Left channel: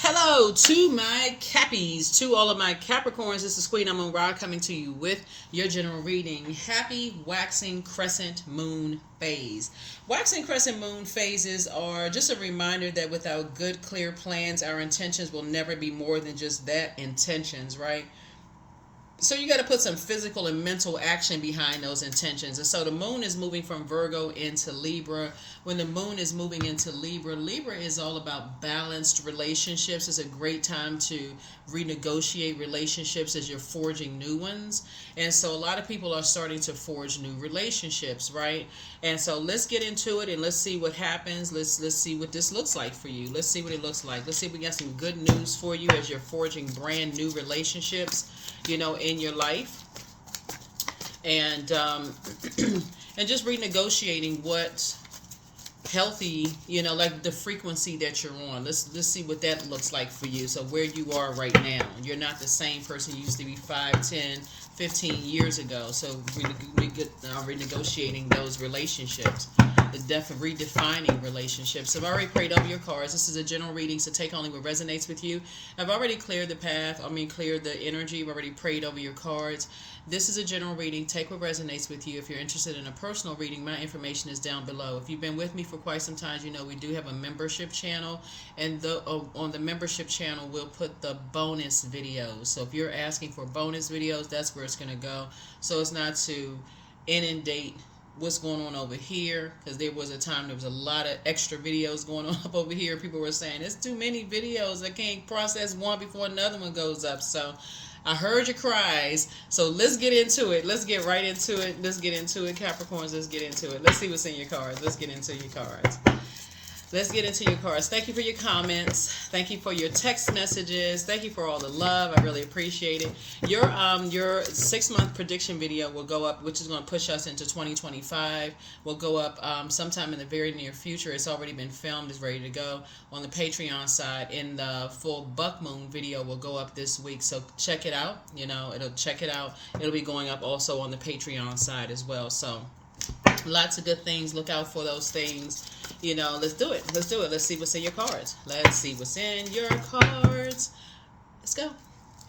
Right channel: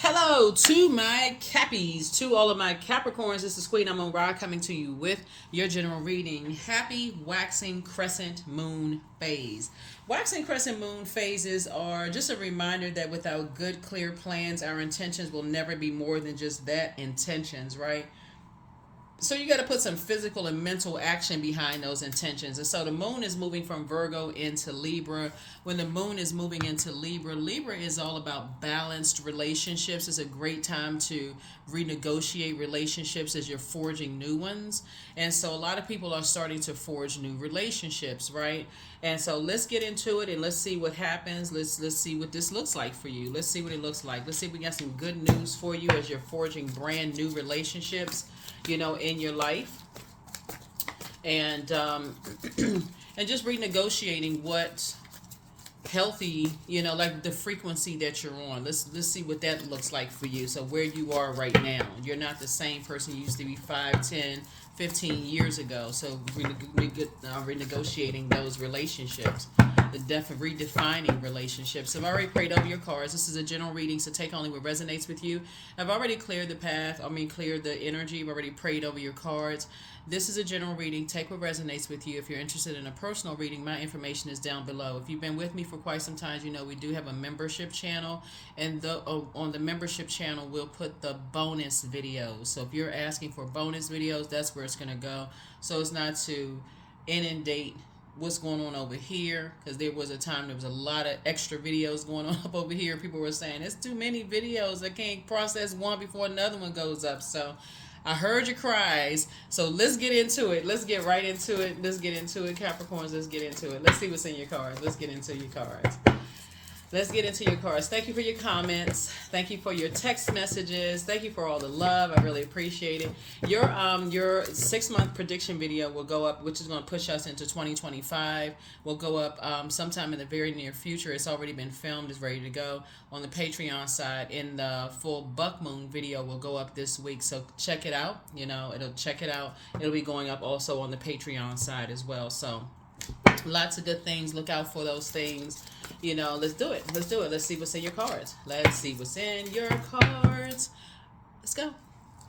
Hello to my Cappies, to all of my Capricorns. This is Queen Amun Ra coming to you with your general reading. Happy waxing crescent moon phase. Waxing crescent moon phases are just a reminder that without good, clear plans, our intentions will never be more than just that, intentions, right? So you got to put some physical and mental action behind those intentions. And so the moon is moving from Virgo into Libra. When the moon is moving into Libra, Libra is all about balanced relationships. It's a great time to renegotiate relationships as you're forging new ones. And so a lot of people are starting to forge new relationships, right? And so let's get into it and let's see what happens. Let's see what this looks like for you. Let's see what it looks like. Let's see if we got some good news for you as you're forging brand new relationships, in your life, and and just renegotiating what healthy, like the frequency that you're on. Let's see what that looks like for you. So where you are right now, you're not the same person you used to be 5, 10, 15 years ago. So renegotiating those relationships, redefining relationships. I've already prayed over your cards. This is a general reading, so take only what resonates with you. I've already cleared the path. Cleared the energy. I've already prayed over your cards. This is a general reading. Take what resonates with you. If you're interested in a personal reading, my information is down below. If you've been with me for quite some time, you know we do have a membership channel, and on the membership channel, we'll put the bonus videos. So if you're asking for bonus videos, that's where it's going to go. So it's not to inundate what's going on over here, because there was a time there was a lot of extra videos going on up over here. People were saying it's too many videos, I can't process one before another one goes up. So I heard your cries, so let's get into it. Let's get right into it. Let's get into it, Capricorns. Let's get into it. Let's see what's in your cards. Let's get into your cards. Let's get into your cards. Thank you for your comments. Thank you for your text messages. Thank you for all the love. I really appreciate it. Your 6-month prediction video will go up, which is going to push us into 2025. Will go up sometime in the very near future. It's already been filmed. It's ready to go on the Patreon side. And the full Buck Moon video will go up this week. So check it out. Check it out. It'll be going up also on the Patreon side as well. So lots of good things. Look out for those things. Let's do it. Let's do it. Let's see what's in your cards. Let's see what's in your cards. Let's go.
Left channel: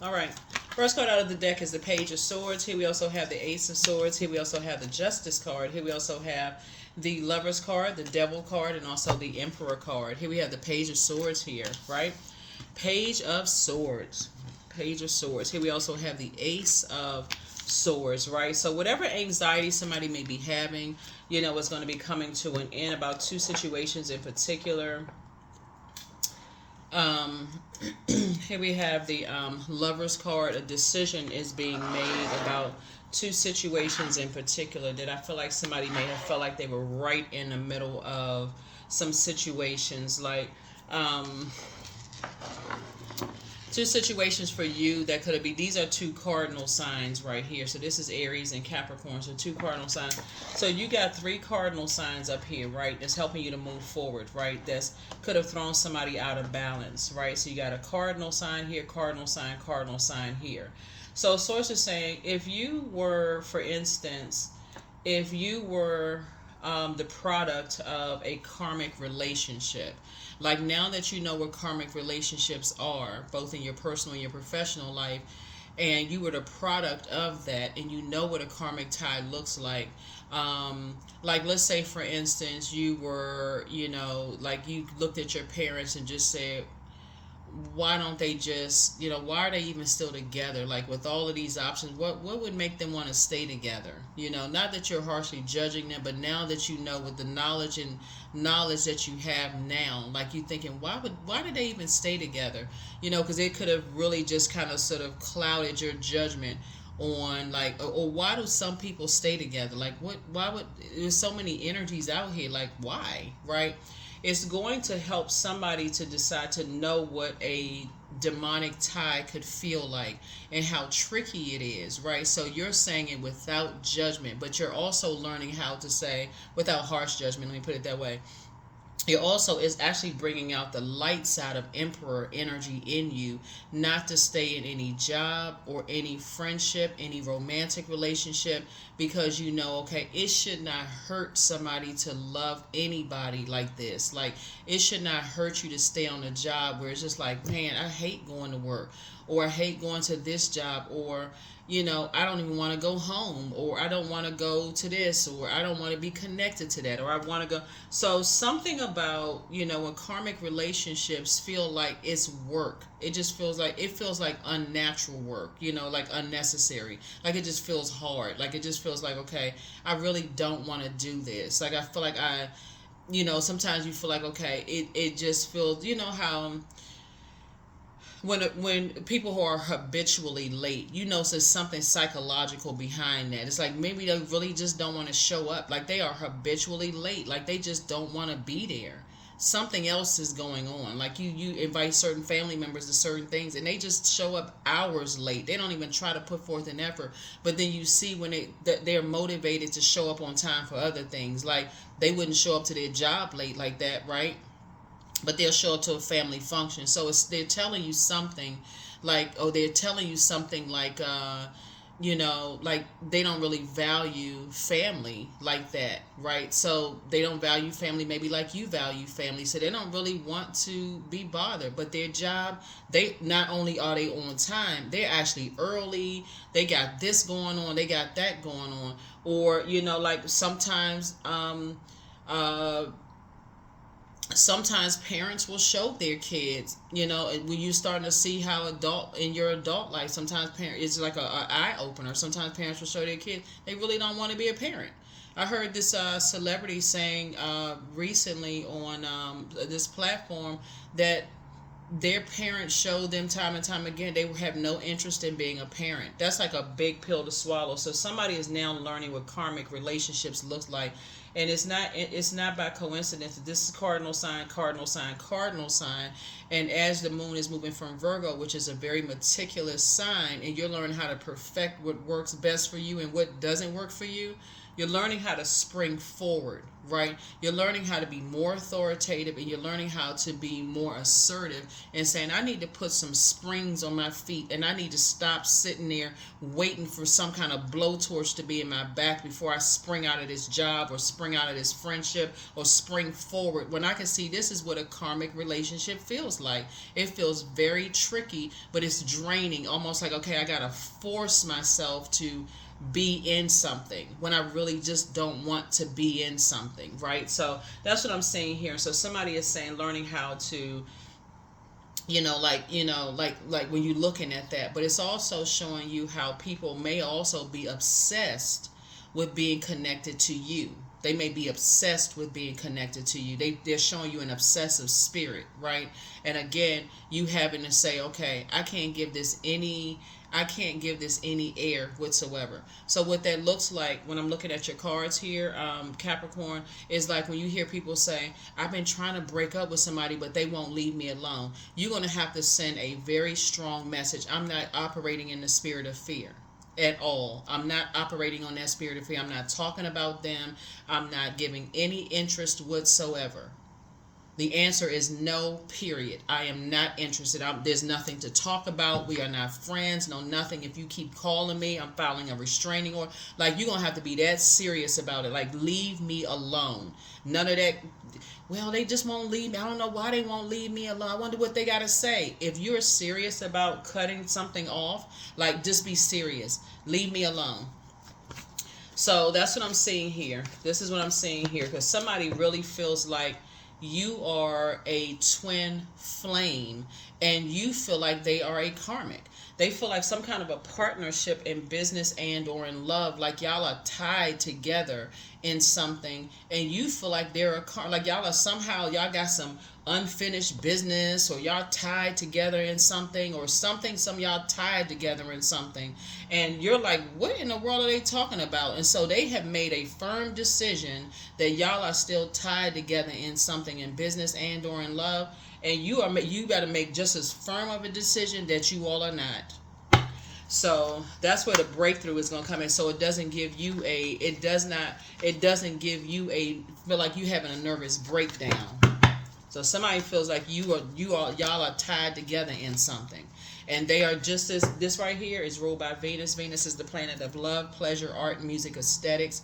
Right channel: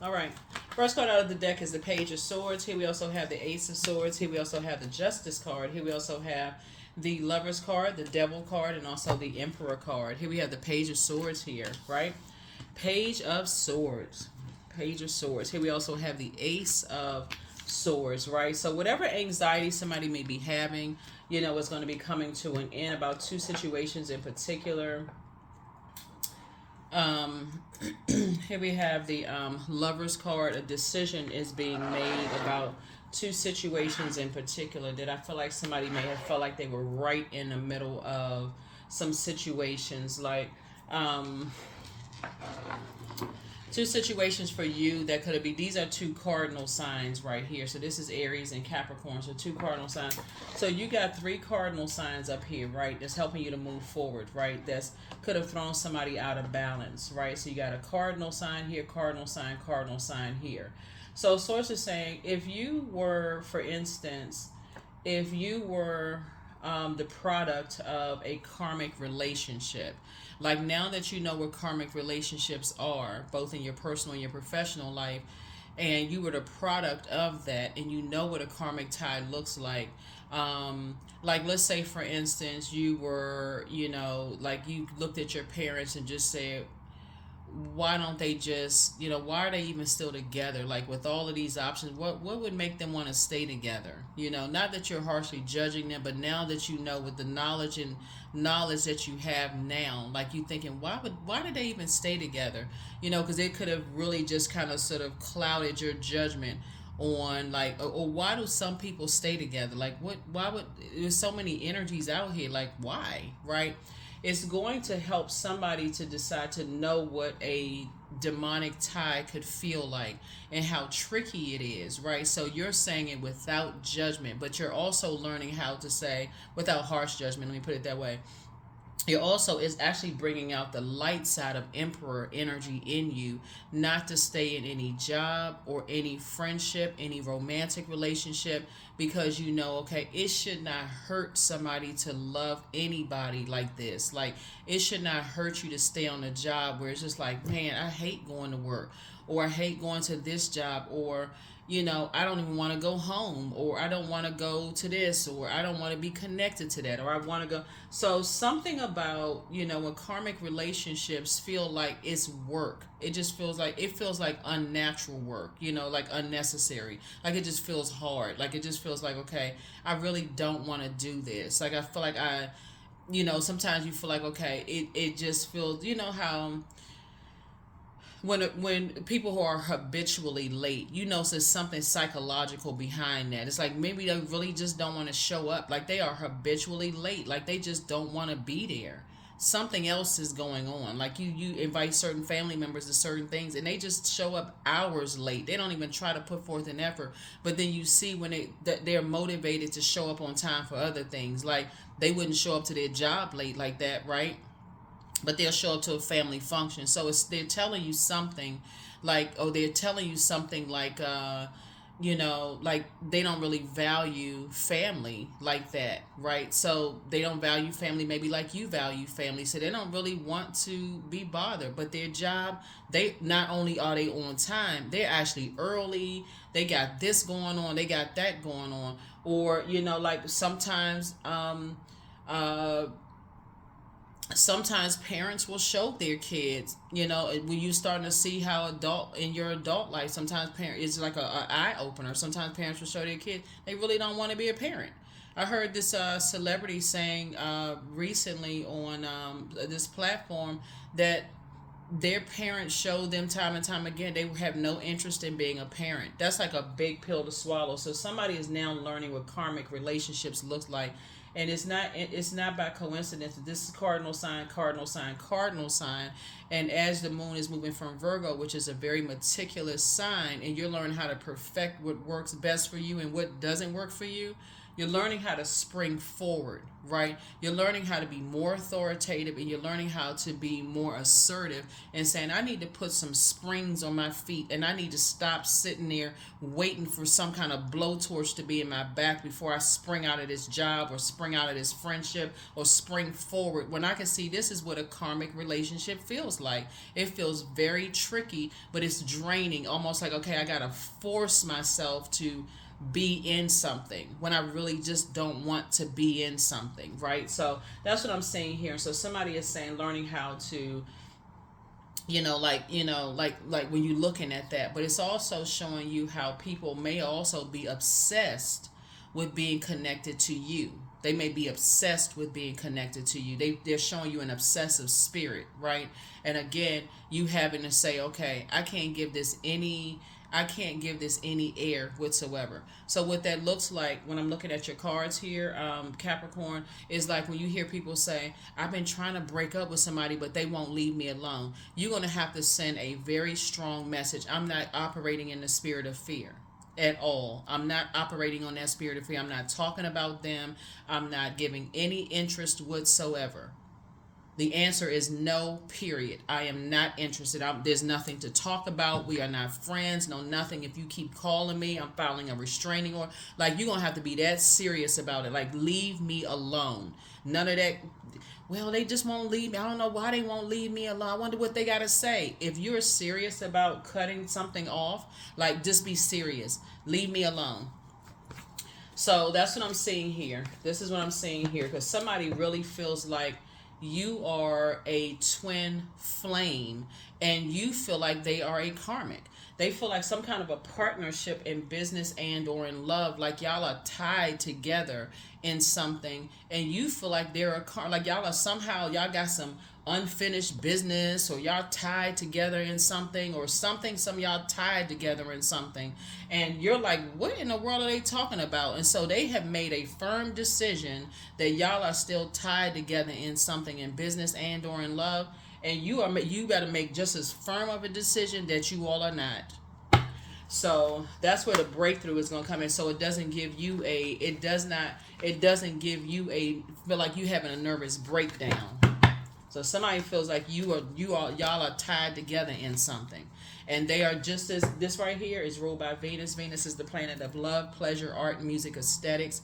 All right. First card out of the deck is the Page of Swords. Here we also have the Ace of Swords. Here we also have the Justice card. Here we also have the Lovers card, the Devil card, and also the Emperor card. Here we have the Page of Swords here, right? Page of Swords. Page of Swords. Here we also have the Ace of Swords, right? So whatever anxiety somebody may be having, is going to be coming to an end. About 2 situations in particular. Here we have the Lovers card. A decision is being made about 2 situations in particular that I feel like somebody may have felt like they were right in the middle of some situations, like 2 situations for you that could be. These are 2 cardinal signs right here. So this is Aries and Capricorn. So 2 cardinal signs. So you got 3 cardinal signs up here, right? That's helping you to move forward, right? That's could have thrown somebody out of balance, right? So you got a cardinal sign here, cardinal sign here. So source is saying, if you were, for instance, the product of a karmic relationship. Like, now that you know what karmic relationships are, both in your personal and your professional life, and you were the product of that, and you know what a karmic tie looks like. Like, let's say, for instance, you were, like, you looked at your parents and just said, why don't they just, why are they even still together? Like, with all of these options, what would make them want to stay together? Not that you're harshly judging them, but now that you know, with the knowledge that you have now, like, you thinking, why did they even stay together? Because it could have really just kind of sort of clouded your judgment on, like, or why do some people stay together? Like, why would, there's so many energies out here, like, why, right? It's going to help somebody to decide to know what a demonic tie could feel like and how tricky it is, right? So you're saying it without judgment, but you're also learning how to say, without harsh judgment, let me put it that way. It also is actually bringing out the light side of Emperor energy in you, not to stay in any job or any friendship, any romantic relationship, because you know, okay, it should not hurt somebody to love anybody like this. Like, it should not hurt you to stay on a job where it's just like, man, I hate going to work, or I hate going to this job, or I don't even want to go home, or I don't want to go to this, or I don't want to be connected to that, or I want to go. So something about, when karmic relationships feel like it's work, it feels like unnatural work, like unnecessary. Like, it just feels hard. Like, it just feels like, okay, I really don't want to do this. Like, I feel like sometimes you feel like, okay, it just feels, how when people who are habitually late, there's something psychological behind that. It's like maybe they really just don't want to show up. Like, they are habitually late. Like, they just don't want to be there. Something else is going on. Like, you invite certain family members to certain things, and they just show up hours late. They don't even try to put forth an effort. But then you see when they're motivated to show up on time for other things. Like, they wouldn't show up to their job late like that, right? But they'll show up to a family function. So they're telling you something like, like they don't really value family like that, right? So they don't value family maybe like you value family. So they don't really want to be bothered. But their job, they not only are they on time, they're actually early. They got this going on, they got that going on. Or, like sometimes parents will show their kids, when you're starting to see how in your adult life, sometimes it's like a eye opener. Sometimes parents will show their kids they really don't want to be a parent. I heard this celebrity saying recently on this platform that their parents showed them time and time again they have no interest in being a parent. That's like a big pill to swallow. So somebody is now learning what karmic relationships looks like. And it's not by coincidence that this is cardinal sign, cardinal sign, cardinal sign. And as the moon is moving from Virgo, which is a very meticulous sign, and you're learning how to perfect what works best for you and what doesn't work for you, you're learning how to spring forward, right? You're learning how to be more authoritative, and you're learning how to be more assertive and saying, I need to put some springs on my feet, and I need to stop sitting there waiting for some kind of blowtorch to be in my back before I spring out of this job or spring out of this friendship or spring forward. When I can see this is what a karmic relationship feels like. It feels very tricky, but it's draining. Almost like, okay, I got to force myself to be in something when I really just don't want to be in something, right? So that's what I'm saying here. So somebody is saying learning how to, like when you're looking at that, but it's also showing you how people may also be obsessed with being connected to you. They may be obsessed with being connected to you. They're showing you an obsessive spirit, right? And again, you having to say, okay, I can't give this any air whatsoever. So what that looks like when I'm looking at your cards here, Capricorn, is like when you hear people say, I've been trying to break up with somebody, but they won't leave me alone. You're going to have to send a very strong message. I'm not operating in the spirit of fear at all. I'm not operating on that spirit of fear. I'm not talking about them. I'm not giving any interest whatsoever. The answer is no, period. I am not interested. There's nothing to talk about. We are not friends. No, nothing. If you keep calling me, I'm filing a restraining order. Like, you're going to have to be that serious about it. Like, leave me alone. None of that. Well, they just won't leave me. I don't know why they won't leave me alone. I wonder what they got to say. If you're serious about cutting something off, like, just be serious. Leave me alone. So that's what I'm seeing here. This is what I'm seeing here. Because somebody really feels like you are a twin flame, and you feel like they are a karmic. They feel like some kind of a partnership in business and or in love, like y'all are tied together in something, and you feel like they're like y'all are somehow, y'all got some unfinished business, or y'all tied together in something, or something, some y'all tied together in something, and you're like, what in the world are they talking about? And so they have made a firm decision that y'all are still tied together in something, in business and or in love, and you got to make just as firm of a decision that you all are not. So that's where the breakthrough is going to come in. So it doesn't give you feel like you having a nervous breakdown. So somebody feels like y'all are tied together in something, and they are just as this right here is ruled by Venus. Venus is the planet of love, pleasure, art, music, aesthetics.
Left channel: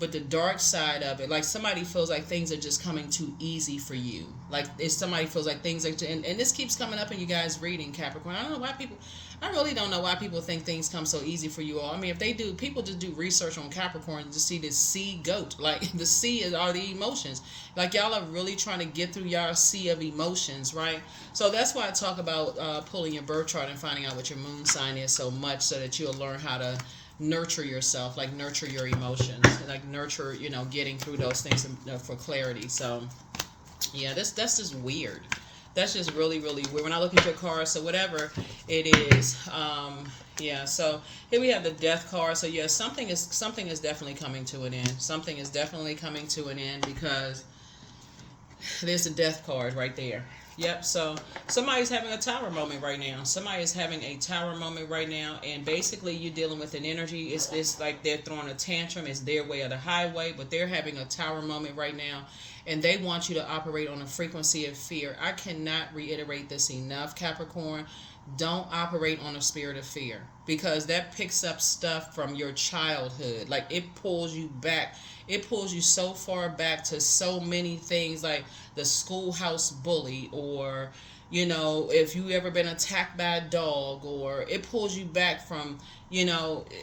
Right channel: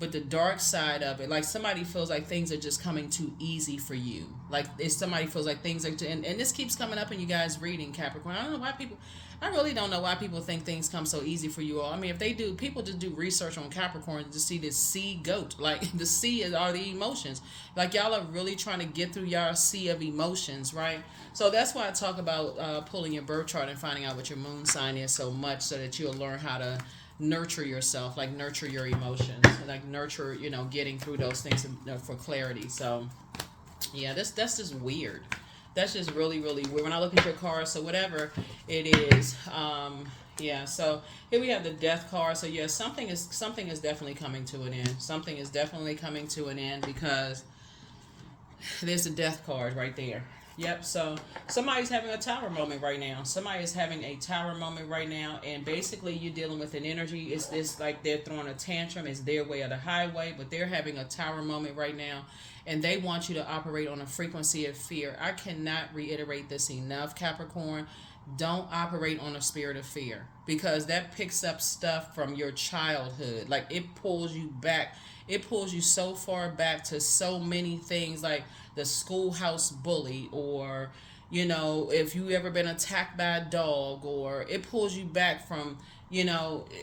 But the dark side of it, like somebody feels like things are just coming too easy for you. Like if somebody feels like things are, and this keeps coming up in you guys reading Capricorn. I don't know why people, I really don't know why people think things come so easy for you all. I mean, if they do, people just do research on Capricorn to see this sea goat. Like the sea is all the emotions. Like y'all are really trying to get through y'all sea of emotions, right? So that's why I talk about pulling your birth chart and finding out what your moon sign is so much, so that you'll learn how to nurture yourself, like nurture your emotions, like nurture, getting through those things for clarity. So yeah, that's just weird. That's just really, really weird. When I look at your card, so whatever it is, yeah. So here we have the Death card. So yeah, something is definitely coming to an end. Something is definitely coming to an end, because there's the Death card right there. Yep. So somebody's having a tower moment right now. Somebody is having a tower moment right now, and basically you're dealing with an energy. It's like they're throwing a tantrum. It's their way or the highway, but they're having a tower moment right now, and they want you to operate on a frequency of fear. I cannot reiterate this enough, Capricorn. Don't operate on a spirit of fear, because that picks up stuff from your childhood. Like it pulls you back. It pulls you so far back to so many things, like the schoolhouse bully, or if you ever been attacked by a dog, or it pulls you back from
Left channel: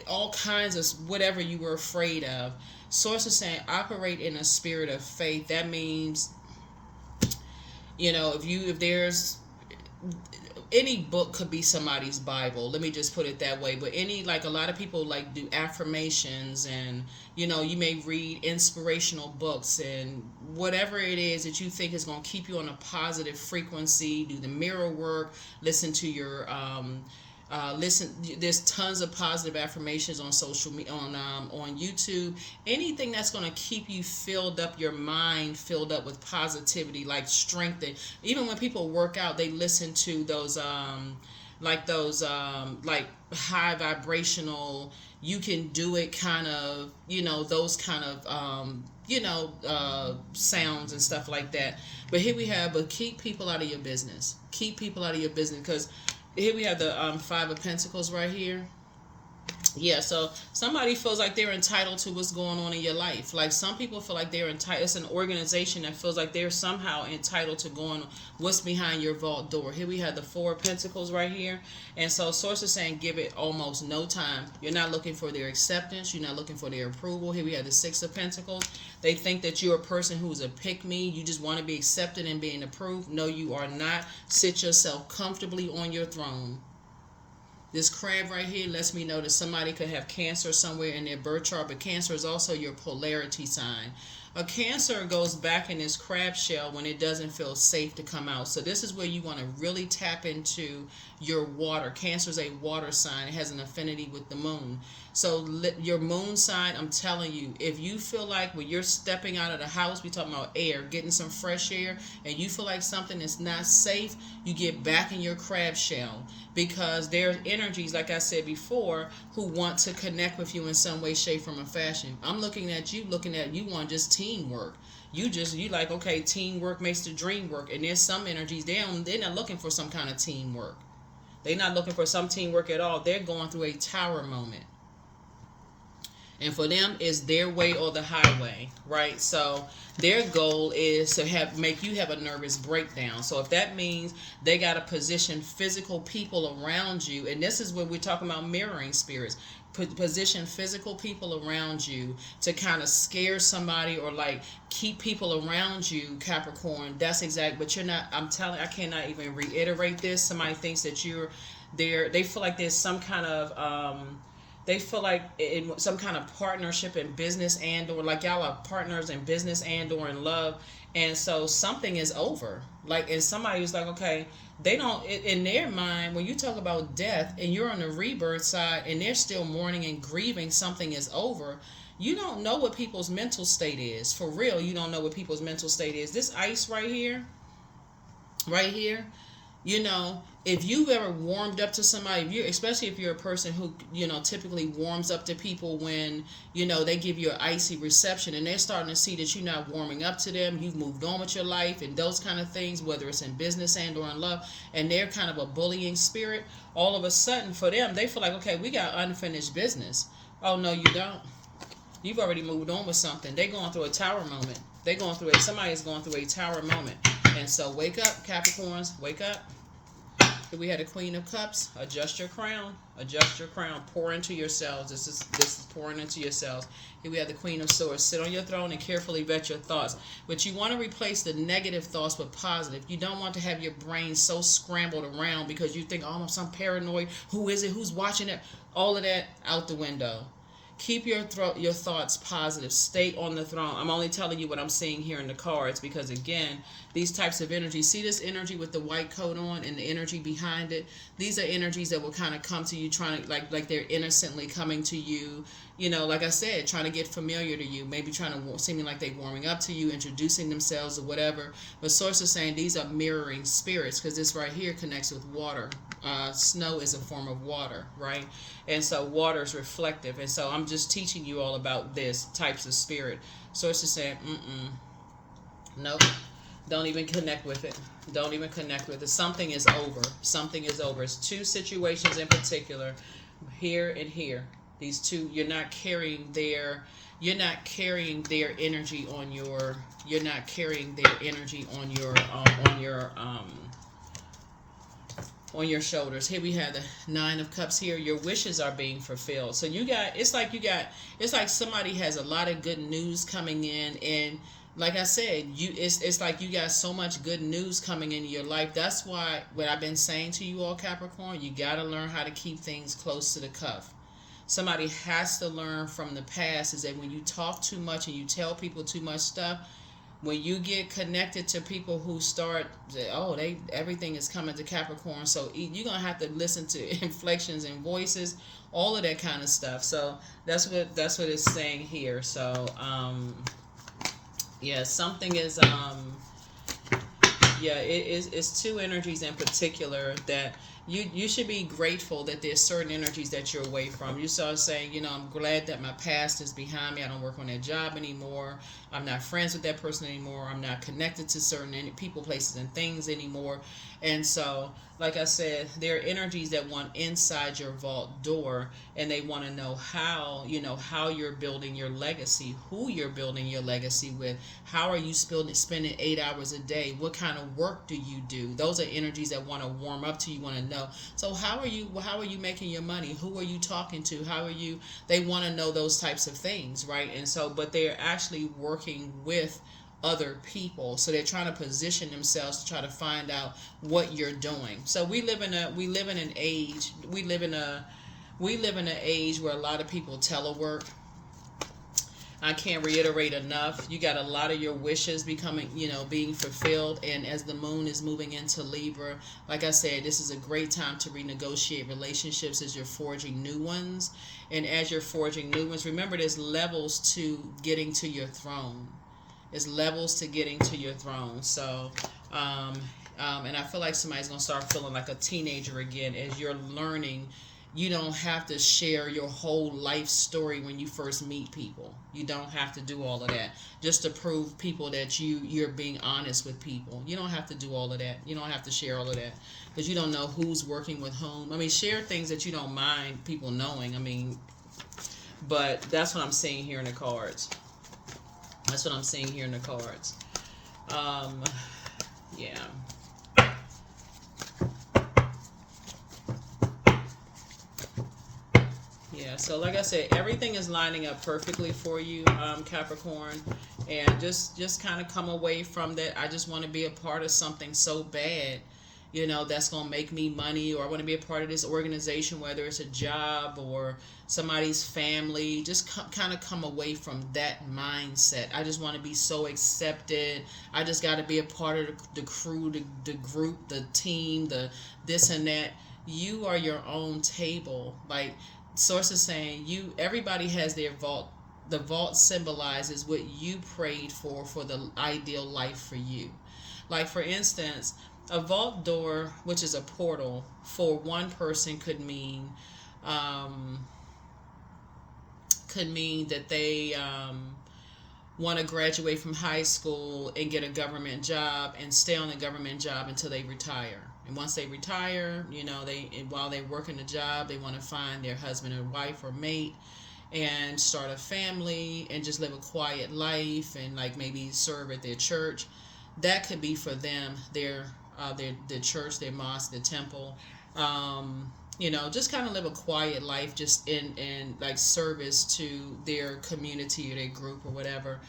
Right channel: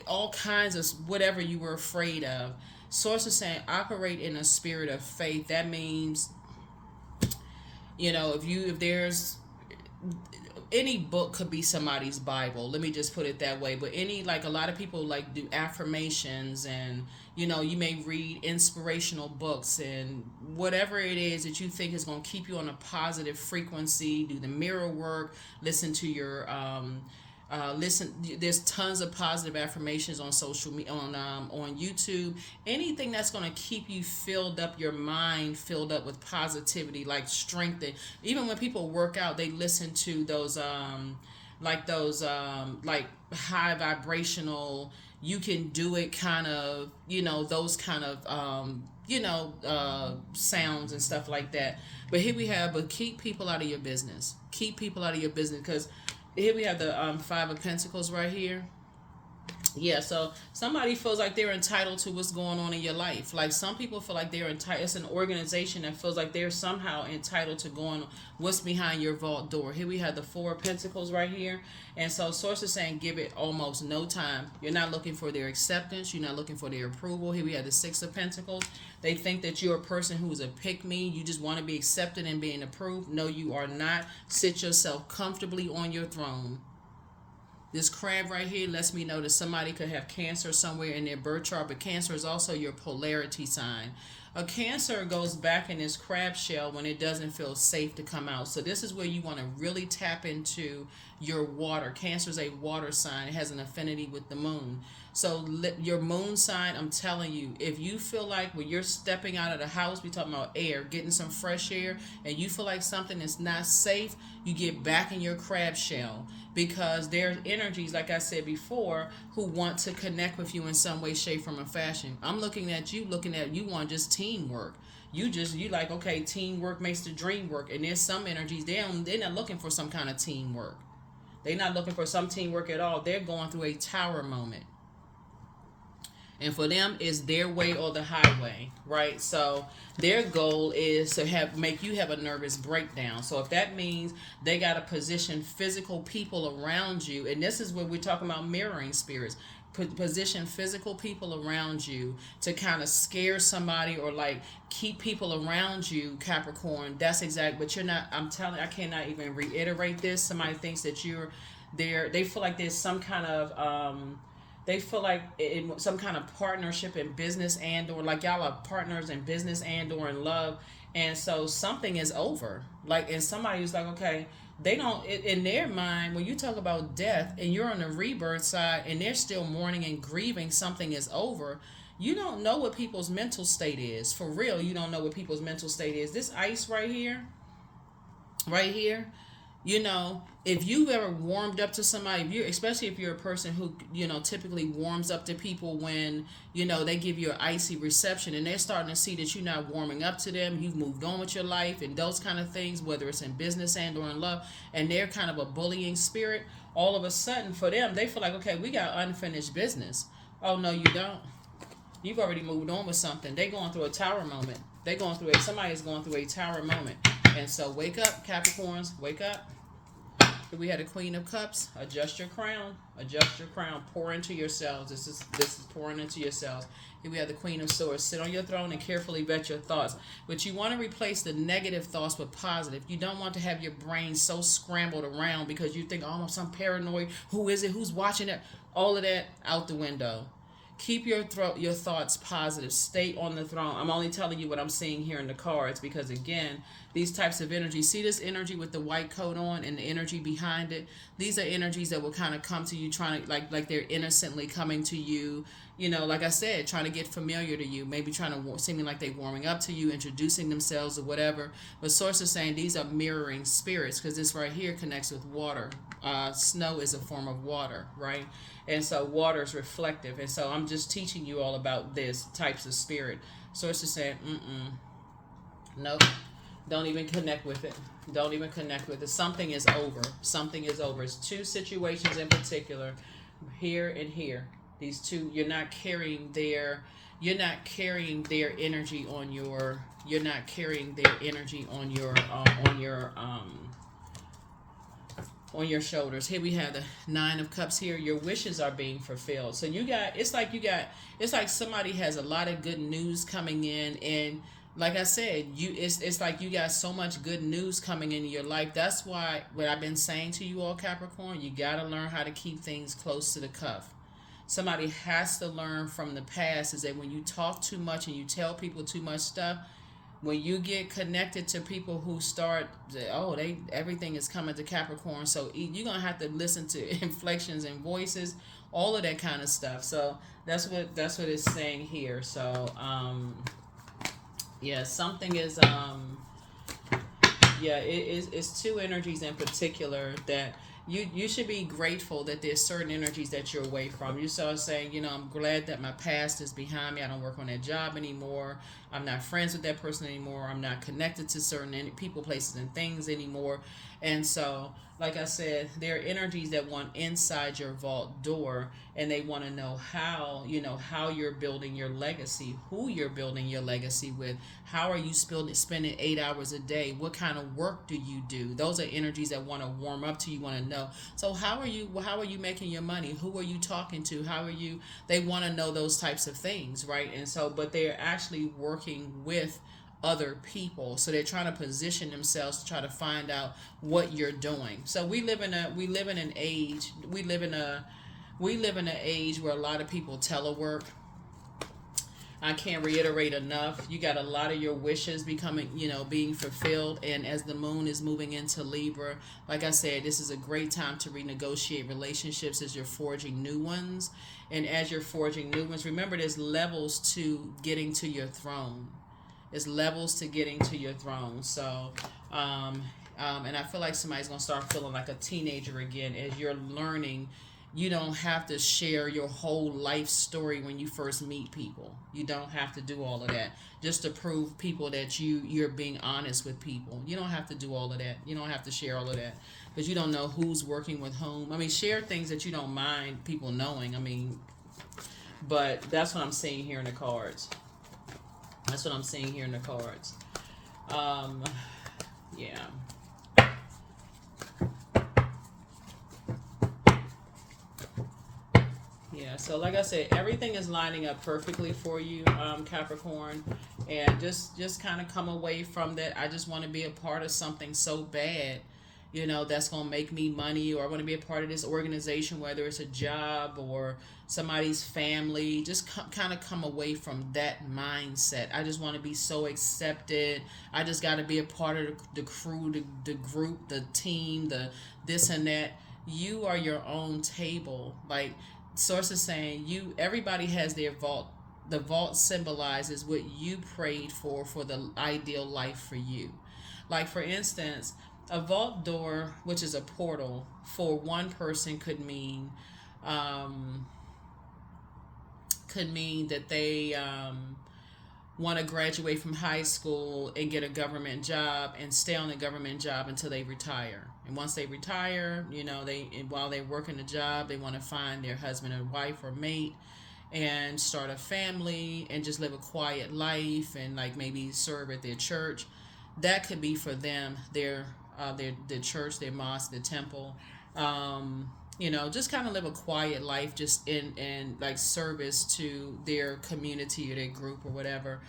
all kinds of whatever you were afraid of. Source is saying operate in a spirit of faith. That means if there's any book could be somebody's Bible. Let me just put it that way. But a lot of people like do affirmations, and you may read inspirational books, and whatever it is that you think is going to keep you on a positive frequency. Do the mirror work. Listen to your there's tons of positive affirmations on social media, on YouTube. Anything that's going to keep you filled up, your mind filled up with positivity, like strength. And even when people work out, they listen to those like high vibrational, you can do it kind of, those kind of sounds and stuff like that. But here we have, but keep people out of your business. Keep people out of your business, because here we have the Five of Pentacles right here. Yeah, so somebody feels like they're entitled to what's going on in your life. Like some people feel like they're entitled. It's an organization that feels like they're somehow entitled to going what's behind your vault door. Here we have the Four of Pentacles right here. And so Source is saying give it almost no time. You're not looking for their acceptance. You're not looking for their approval. Here we have the Six of Pentacles. They think that you're a person who's a pick-me. You just want to be accepted and being approved. No, you are not. Sit yourself comfortably on your throne. This crab right here lets me know that somebody could have Cancer somewhere in their birth chart, but Cancer is also your polarity sign. A Cancer goes back in this crab shell when it doesn't feel safe to come out. So this is where you want to really tap into your water. Cancer is a water sign. It has an affinity with the moon. So your moon sign, I'm telling you, if you feel like when you're stepping out of the house, we talking about air, getting some fresh air, and you feel like something is not safe, you get back in your crab shell, because there are energies, like I said before, who want to connect with you in some way, shape, form, or fashion. I'm looking at you on just teamwork. You like, okay, teamwork makes the dream work. And there's some energies, they're not looking for some kind of teamwork. They're not looking for some teamwork at all. They're going through a tower moment. And for them, it's their way or the highway, right? So their goal is to make you have a nervous breakdown. So if that means they got to position physical people around you, and this is when we're talking about mirroring spirits, position physical people around you to kind of scare somebody, or like keep people around you, Capricorn. That's exact. But you're not. I cannot even reiterate this. Somebody thinks that you're there. They feel like there's some kind of they feel like in some kind of partnership in business, and or like y'all are partners in business and or in love, and so something is over. Like, and somebody was like, okay, they don't, in their mind, when you talk about death and you're on the rebirth side and they're still mourning and grieving something is over, you don't know what people's mental state is. For real, you don't know what people's mental state is. This ice right here, You know, if you've ever warmed up to somebody, if you, especially if you're a person who, you know, typically warms up to people when, you know, they give you an icy reception and they're starting to see that you're not warming up to them, you've moved on with your life and those kind of things, whether it's in business and or in love, and they're kind of a bullying spirit, all of a sudden for them, they feel like, okay, we got unfinished business. Oh, no, you don't. You've already moved on with something. They're going through a tower moment. They're going through it. Somebody is going through a tower moment. And so wake up, Capricorns. Wake up. Here we had a Queen of Cups. Adjust your crown. Adjust your crown. Pour into yourselves. This is pouring into yourselves. Here we have the Queen of Swords. Sit on your throne and carefully vet your thoughts. But you want to replace the negative thoughts with positive. You don't want to have your brain so scrambled around because you think, oh, I'm some paranoid. Who is it? Who's watching it? All of that out the window. Keep your thoughts positive. Stay on the throne. I'm only telling you what I'm seeing here in the cards because, again, these types of energies, see this energy with the white coat on and the energy behind it? These are energies that will kind of come to you trying to, like they're innocently coming to you, you know, like I said, trying to get familiar to you, maybe trying to, seeming like they're warming up to you, introducing themselves or whatever. But Source is saying these are mirroring spirits because this right here connects with water. Snow is a form of water, right? And so water is reflective. And so I'm just teaching you all about this types of spirit. Source is saying, nope. Don't even connect with it. Don't even connect with it. Something is over. Something is over. It's two situations in particular, here and here. These two, you're not carrying their energy on your, you're not carrying their energy on your shoulders. Here we have the Nine of Cups here. Your wishes are being fulfilled. So it's like somebody has a lot of good news coming in, and like I said, it's like you got so much good news coming into your life. That's why what I've been saying to you all, Capricorn, you got to learn how to keep things close to the cuff. Somebody has to learn from the past is that when you talk too much and you tell people too much stuff, when you get connected to people who start, everything is coming to Capricorn, so you're gonna have to listen to inflections and voices, all of that kind of stuff. So that's what it's saying here. So something is it's two energies in particular that you should be grateful that there's certain energies that you're away from. You start saying, I'm glad that my past is behind me. I don't work on that job anymore. I'm not friends with that person anymore. I'm not connected to certain people, places, and things anymore. And so, like I said, there are energies that want inside your vault door, and they want to know how you're building your legacy, who you're building your legacy with, how are you spending 8 hours a day, what kind of work do you do? Those are energies that want to warm up to you, want to know. So how are you making your money? Who are you talking to? They want to know those types of things, right? And so, but they're actually working with other people, so they're trying to position themselves to try to find out what you're doing. So we live in an age where a lot of people telework. I can't reiterate enough. You got a lot of your wishes being fulfilled. And as the moon is moving into Libra, like I said, this is a great time to renegotiate relationships as you're forging new ones. And as you're forging new ones, remember there's levels to getting to your throne. There's levels to getting to your throne. So, and I feel like somebody's going to start feeling like a teenager again as you're learning. You don't have to share your whole life story when you first meet people. You don't have to do all of that just to prove people that you're being honest with people. You don't have to do all of that. You don't have to share all of that because you don't know who's working with whom. I mean, share things that you don't mind people knowing. I mean, but that's what I'm seeing here in the cards. That's what I'm seeing here in the cards. Yeah. Yeah, so like I said, everything is lining up perfectly for you, Capricorn. And just kind of come away from that. I just want to be a part of something so bad, that's going to make me money, or I want to be a part of this organization, whether it's a job or somebody's family. Just kind of come away from that mindset. I just want to be so accepted. I just got to be a part of the crew, the group, the team, the this and that. You are your own table. Like Source is saying, everybody has their vault. The vault symbolizes what you prayed for the ideal life for you. Like, for instance, A vault door, which is a portal, for one person um, could mean that they want to graduate from high school and get a government job and stay on the government job until they retire. And once they retire, while they work in the job, they want to find their husband or wife or mate and start a family and just live a quiet life and like maybe serve at their church. That could be for them, their church, their mosque, their temple. Just kind of live a quiet life, just in like service to their community or their group or whatever.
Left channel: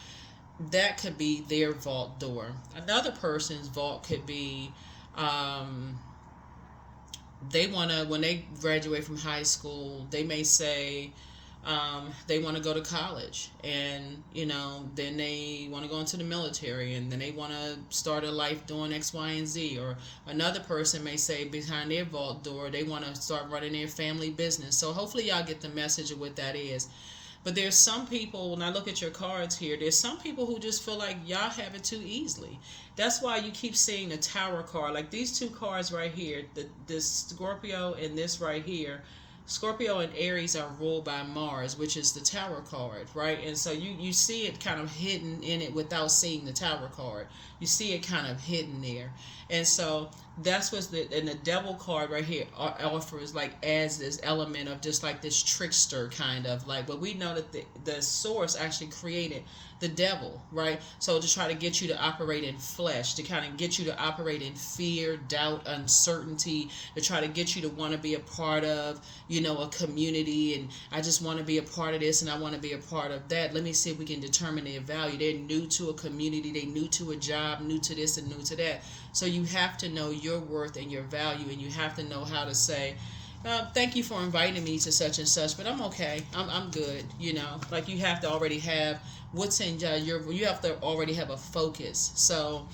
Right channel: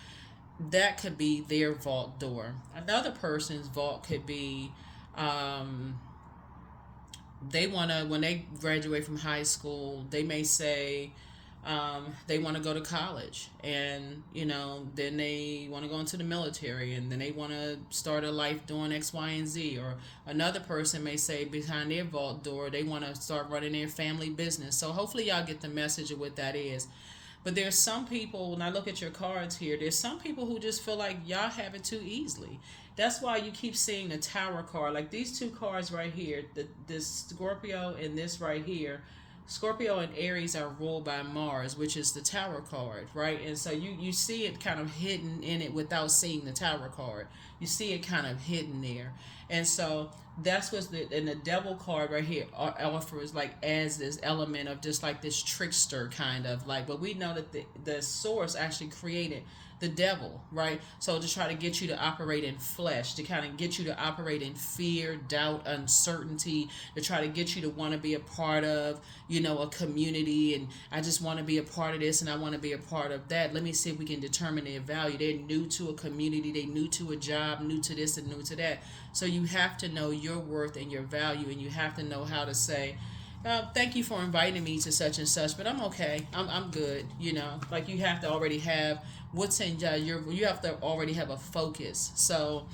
That could be their vault door. Another person's vault could be, they want to, when they graduate from high school, they may say, they want to go to college, and then they want to go into the military, and then they want to start a life doing X, Y, and Z. Or another person may say behind their vault door they want to start running their family business. So hopefully y'all get the message of what that is. But there's some people, when I look at your cards here, there's some people who just feel like y'all have it too easily. That's why you keep seeing the Tower card. Like these two cards right here, this Scorpio and this right here. Scorpio and Aries are ruled by Mars, which is the Tower card, right? And so you see it kind of hidden in it without seeing the Tower card. You see it kind of hidden there. And so that's what's and the Devil card right here offers like as this element of just like this trickster kind of like, but we know that the source actually created the devil, right? So to try to get you to operate in flesh, to kind of get you to operate in fear, doubt, uncertainty, to try to get you to want to be a part of, a community, and I just want to be a part of this and I want to be a part of that. Let me see if we can determine their value. They're new to a community, they're new to a job, new to this and new to that. So you have to know your worth and your value, and you have to know how to say, thank you for inviting me to such and such, but I'm okay. I'm good. Like you have to already have what's in you have to already have a focus. So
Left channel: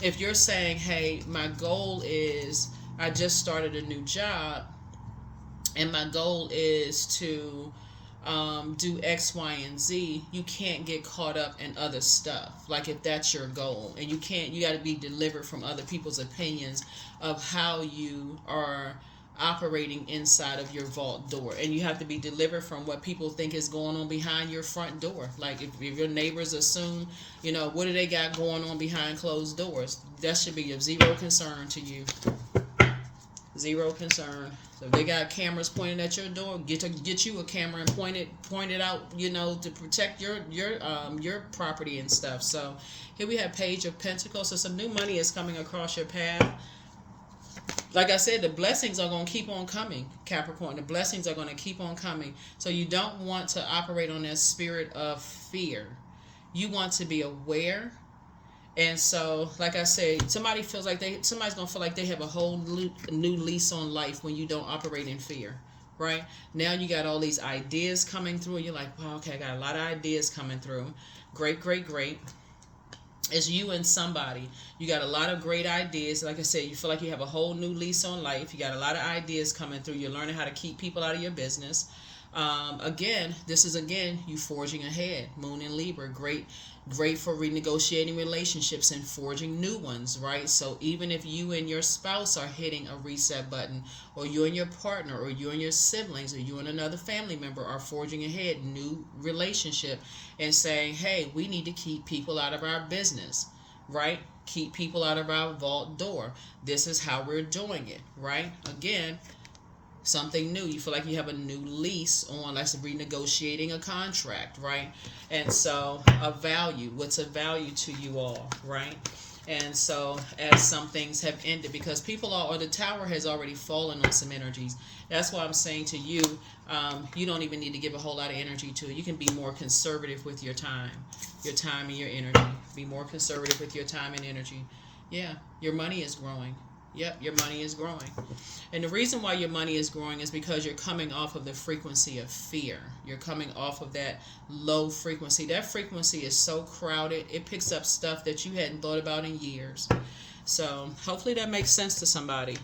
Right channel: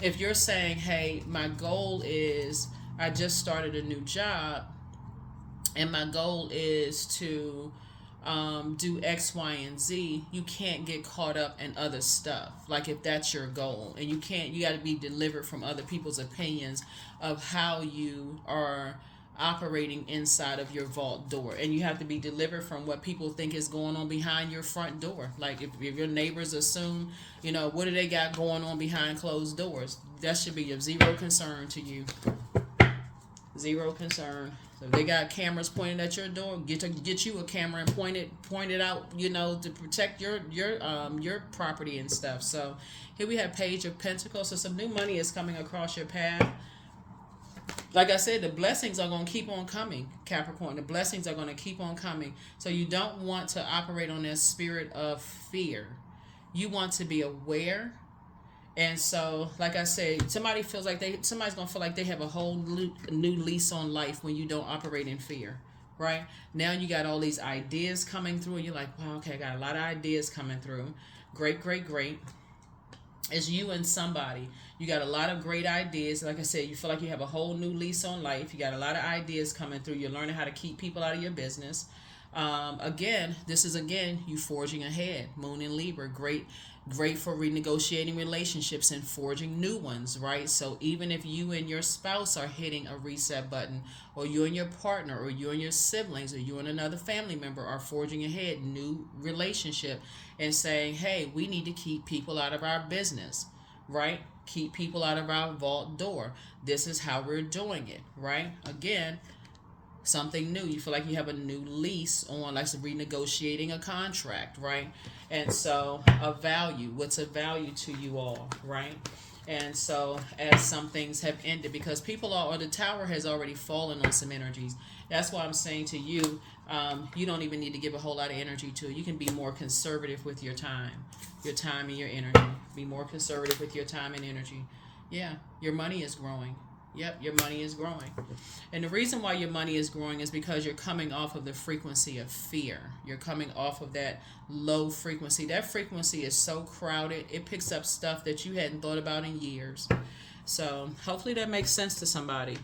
if you're saying, hey, my goal is, I just started a new job and my goal is to do X, Y, and Z, you can't get caught up in other stuff. Like if that's your goal, and you got to be delivered from other people's opinions of how you are operating inside of your vault door, and you have to be delivered from what people think is going on behind your front door. Like if your neighbors assume, what do they got going on behind closed doors, that should be of zero concern to you. Zero concern. So if they got cameras pointing at your door, get you a camera and point it out, to protect your property and stuff. So here we have Page of Pentacles. So some new money is coming across your path. Like I said, the blessings are going to keep on coming, Capricorn. The blessings are going to keep on coming. So you don't want to operate on that spirit of fear. You want to be aware. And so, like I said, somebody's going to feel like they have a whole new lease on life when you don't operate in fear, right? Now you got all these ideas coming through. You're like, well, okay, I got a lot of ideas coming through. Great, great, great. It's you and somebody. You got a lot of great ideas. Like I said, you feel like you have a whole new lease on life. You got a lot of ideas coming through. You're learning how to keep people out of your business. This is you forging ahead. Moon in Libra, great for renegotiating relationships and forging new ones, right? So even if you and your spouse are hitting a reset button, or you and your partner, or you and your siblings, or you and another family member are forging ahead, new relationship, and saying, hey, we need to keep people out of our business, right? Keep people out of our vault door. This is how we're doing it, right? Again, something new. You feel like you have a new lease on, like renegotiating a contract, right? And so a value. What's a value to you all, right? And so as some things have ended, because the Tower has already fallen on some energies. That's why I'm saying to you, you don't even need to give a whole lot of energy to it. You can be more conservative with your time and your energy. Be more conservative with your time and energy. Yeah, your money is growing. Yep, your money is growing. And the reason why your money is growing is because you're coming off of the frequency of fear. You're coming off of that low frequency. That frequency is so crowded, it picks up stuff that you hadn't thought about in years. So hopefully that makes sense to somebody.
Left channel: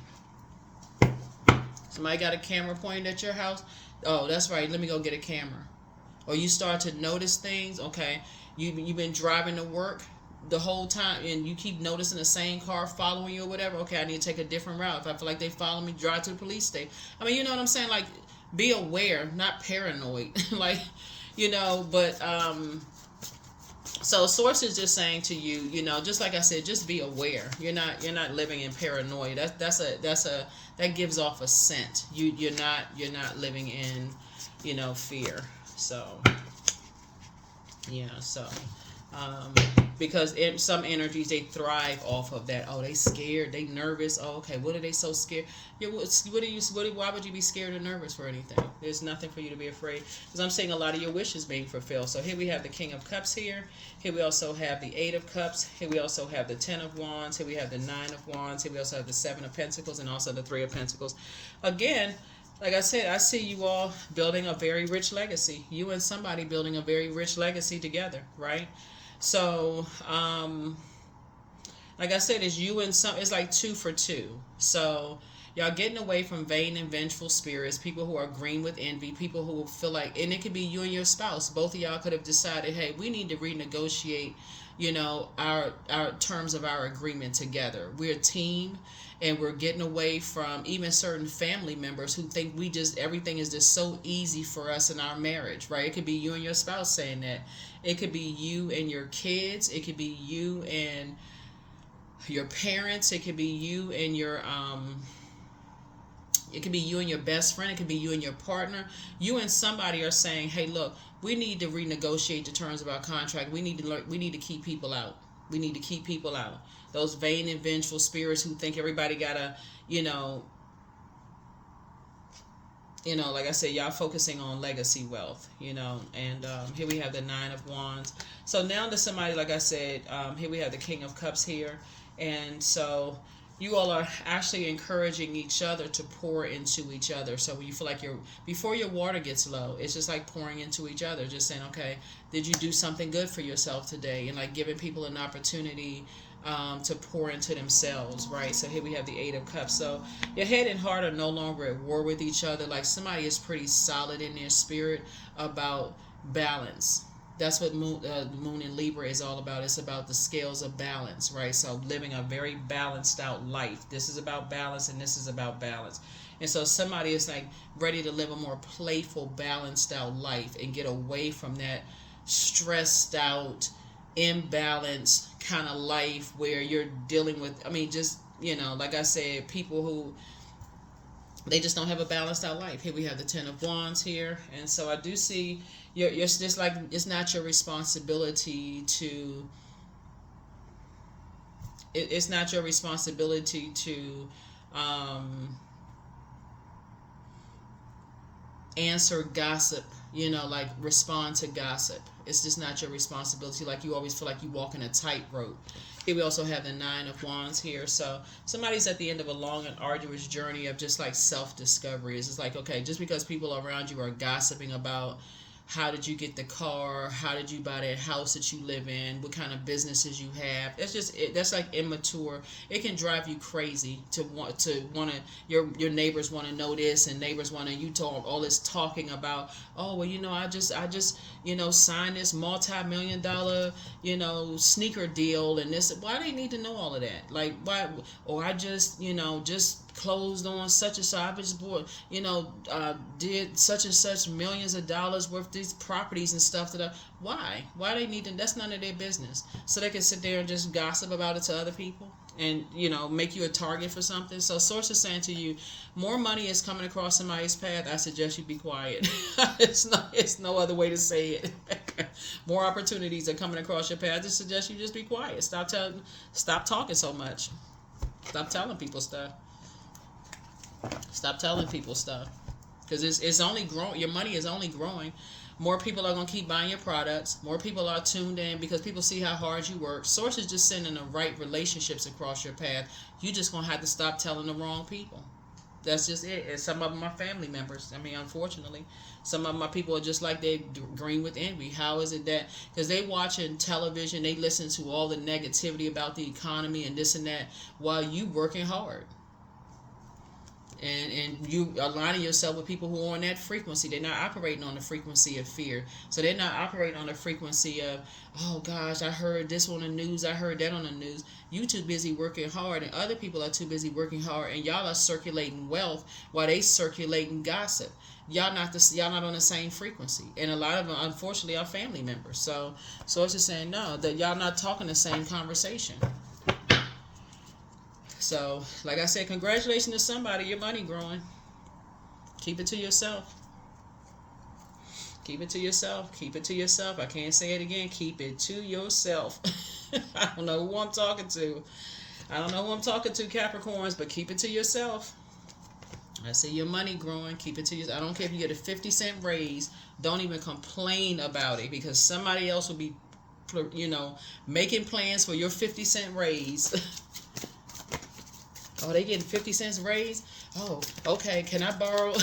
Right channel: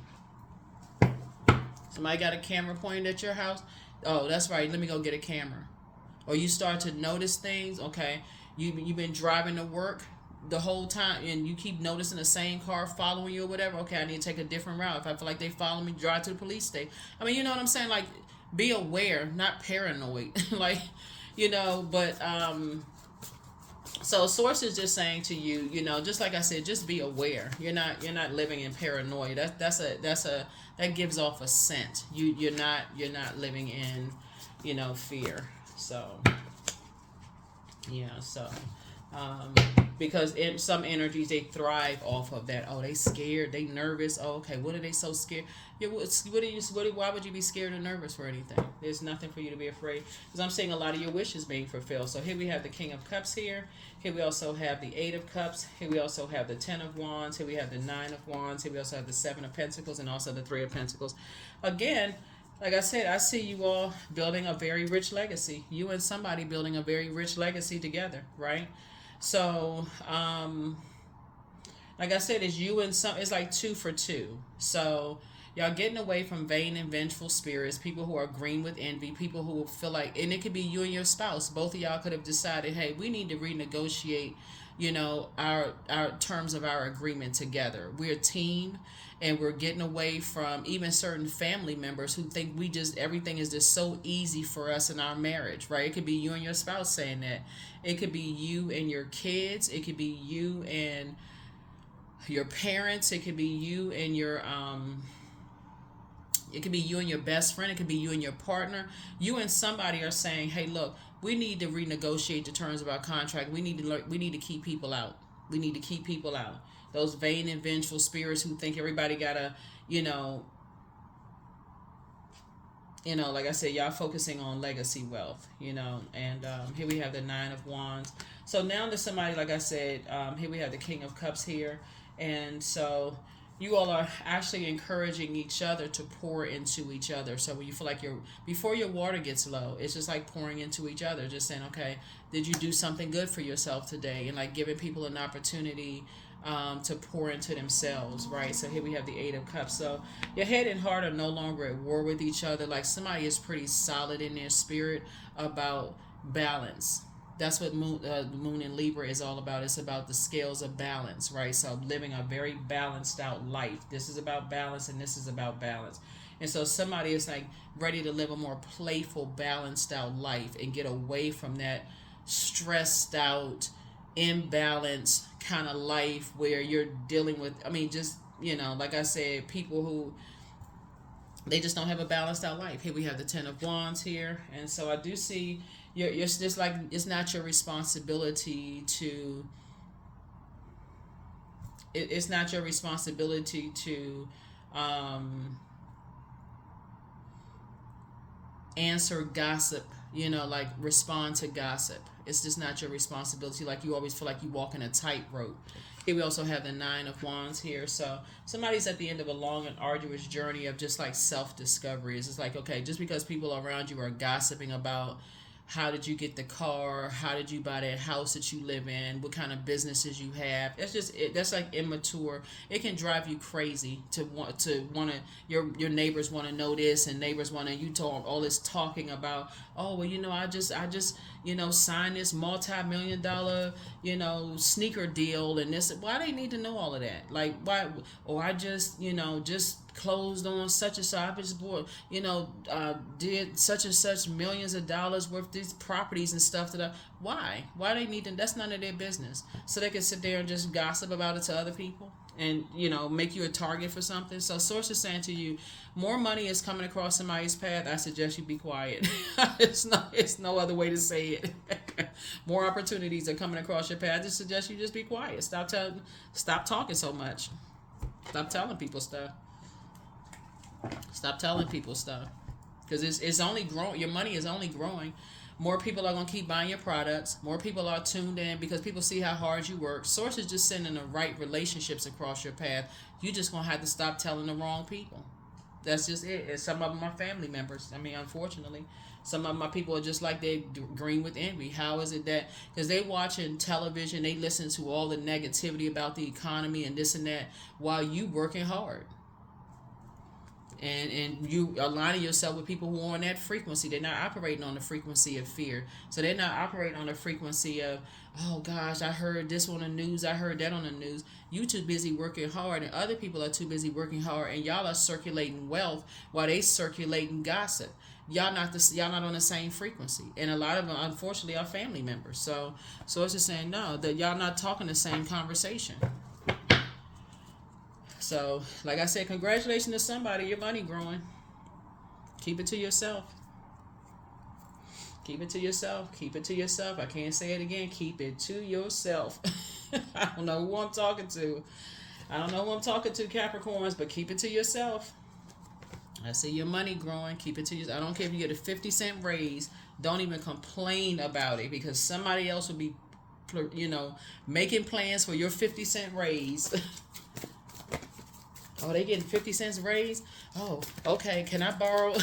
Somebody got a camera pointed at your house? Oh, that's right. Let me go get a camera. Or you start to notice things. Okay, you've been driving to work. the whole time, and you keep noticing the same car following you or whatever, okay, I need to take a different route. If I feel like they follow me, drive to the police station. I mean, you know what I'm saying? Like, be aware, not paranoid. Like, but so source is just saying to you, just like I said, just be aware. You're not living in paranoia. That gives off a scent. You're not living in, fear. So yeah, so because in some energies they thrive off of that. Oh, they scared, they nervous. Oh, okay, what are they so scared? Yeah, why would you be scared or nervous for anything? There's nothing for you to be afraid, because I'm seeing a lot of your wishes being fulfilled. So here we have the King of Cups here. Here we also have the Eight of Cups. Here we also have the Ten of Wands. Here we have the Nine of Wands. Here we also have the Seven of Pentacles and also the Three of Pentacles. Again, like I said, I see you all building a very rich legacy. You and somebody building a very rich legacy together, right? So, like I said, it's like 2 for 2. So y'all getting away from vain and vengeful spirits, people who are green with envy, people who feel like, and it could be you and your spouse. Both of y'all could have decided, hey, we need to renegotiate, our terms of our agreement together. We're a team, and we're getting away from even certain family members who think everything is just so easy for us in our marriage, right? It could be you and your spouse saying that. It could be you and your kids. It could be you and your parents. It could be you and your it could be you and your best friend. It could be you and your partner. You and somebody are saying, hey, look, we need to renegotiate the terms of our contract. We need to keep people out. We need to keep people out. Those vain and vengeful spirits who think everybody gotta, like I said, y'all focusing on legacy wealth, and here we have the Nine of Wands. So now to somebody, like I said, here we have the King of Cups here. And so you all are actually encouraging each other to pour into each other. So when you feel like before your water gets low, it's just like pouring into each other, just saying, okay, did you do something good for yourself today? And like giving people an opportunity to pour into themselves, right? So here we have the Eight of Cups. So your head and heart are no longer at war with each other. Like somebody is pretty solid in their spirit about balance. That's what the moon in Libra is all about. It's about the scales of balance, right? So living a very balanced out life. This is about balance, and this is about balance. And so somebody is like ready to live a more playful, balanced out life and get away from that stressed out, imbalanced kind of life where you're dealing with, like I said, people who they just don't have a balanced out life. Here we have the Ten of Wands here. And so I do see you're just like, it's not your responsibility to it's not your responsibility to answer gossip, like respond to gossip. It's just not your responsibility. Like you always feel like you walk in a tightrope. Here we also have the Nine of Wands here. So somebody's at the end of a long and arduous journey of just like self-discovery. It's just like, okay, just because people around you are gossiping about how did you get the car, how did you buy that house that you live in, what kind of businesses you have. That's like immature. It can drive you crazy to want to your neighbors want to know this, and neighbors want to, you talk all this talking about, oh well, I just signed this multi-million-dollar sneaker deal, and this. Why they need to know all of that? Like why? Or I just closed on such and such. I just bought, did such and such millions of dollars worth of these properties and stuff. Why they need to? That's none of their business. So they can sit there and just gossip about it to other people, and make you a target for something. So source is saying to you, more money is coming across somebody's path. I suggest you be quiet. It's no other way to say it. More opportunities are coming across your path. I just suggest you just be quiet. Stop talking so much. Stop telling people stuff. Stop telling people stuff, because it's only growing. Your money is only growing. More people are going to keep buying your products. More people are tuned in because people see how hard you work. Source is just sending the right relationships across your path. You just going to have to stop telling the wrong people. That's just it. And some of them are family members. Unfortunately, some of my people are just like they green with envy. How is it that, because they watching television, they listen to all the negativity about the economy and this and that while you working hard. and you aligning yourself with people who are on that frequency. They're not operating on the frequency of fear. So they're not operating on the frequency of, oh gosh, I heard this on the news, I heard that on the news. You too busy working hard, and other people are too busy working hard, and y'all are circulating wealth while they circulating gossip. Y'all not on the same frequency, and a lot of them, unfortunately, are family members. So it's just saying no, that y'all not talking the same conversation. So, like I said, congratulations to somebody. Your money growing. Keep it to yourself. Keep it to yourself. Keep it to yourself. I can't say it again. Keep it to yourself. I don't know who I'm talking to. I don't know who I'm talking to, Capricorns, but keep it to yourself. I see your money growing. Keep it to yourself. I don't care if you get a 50-cent raise. Don't even complain about it, because somebody else will be, making plans for your 50-cent raise. Oh, they getting 50 cents raise? Oh, okay. Can I borrow?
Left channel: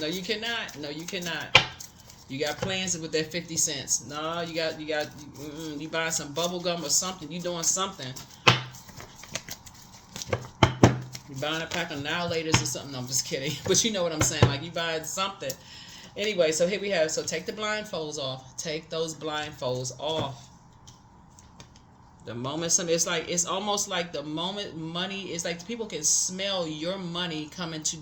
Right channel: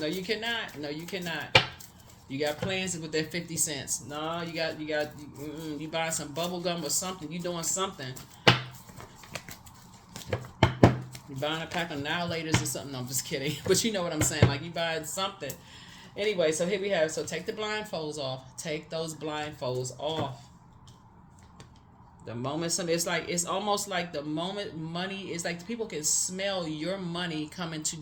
No, you cannot. No, you cannot. You got plans with that 50 cents. No, you buying some bubble gum or something. You doing something. You buying a pack of Annihilators or something. No, I'm just kidding. But you know what I'm saying. Like, you buying something. Anyway, so here we have. So take the blindfolds off. Take those blindfolds off. The moment it's almost like the moment money is like people can smell your money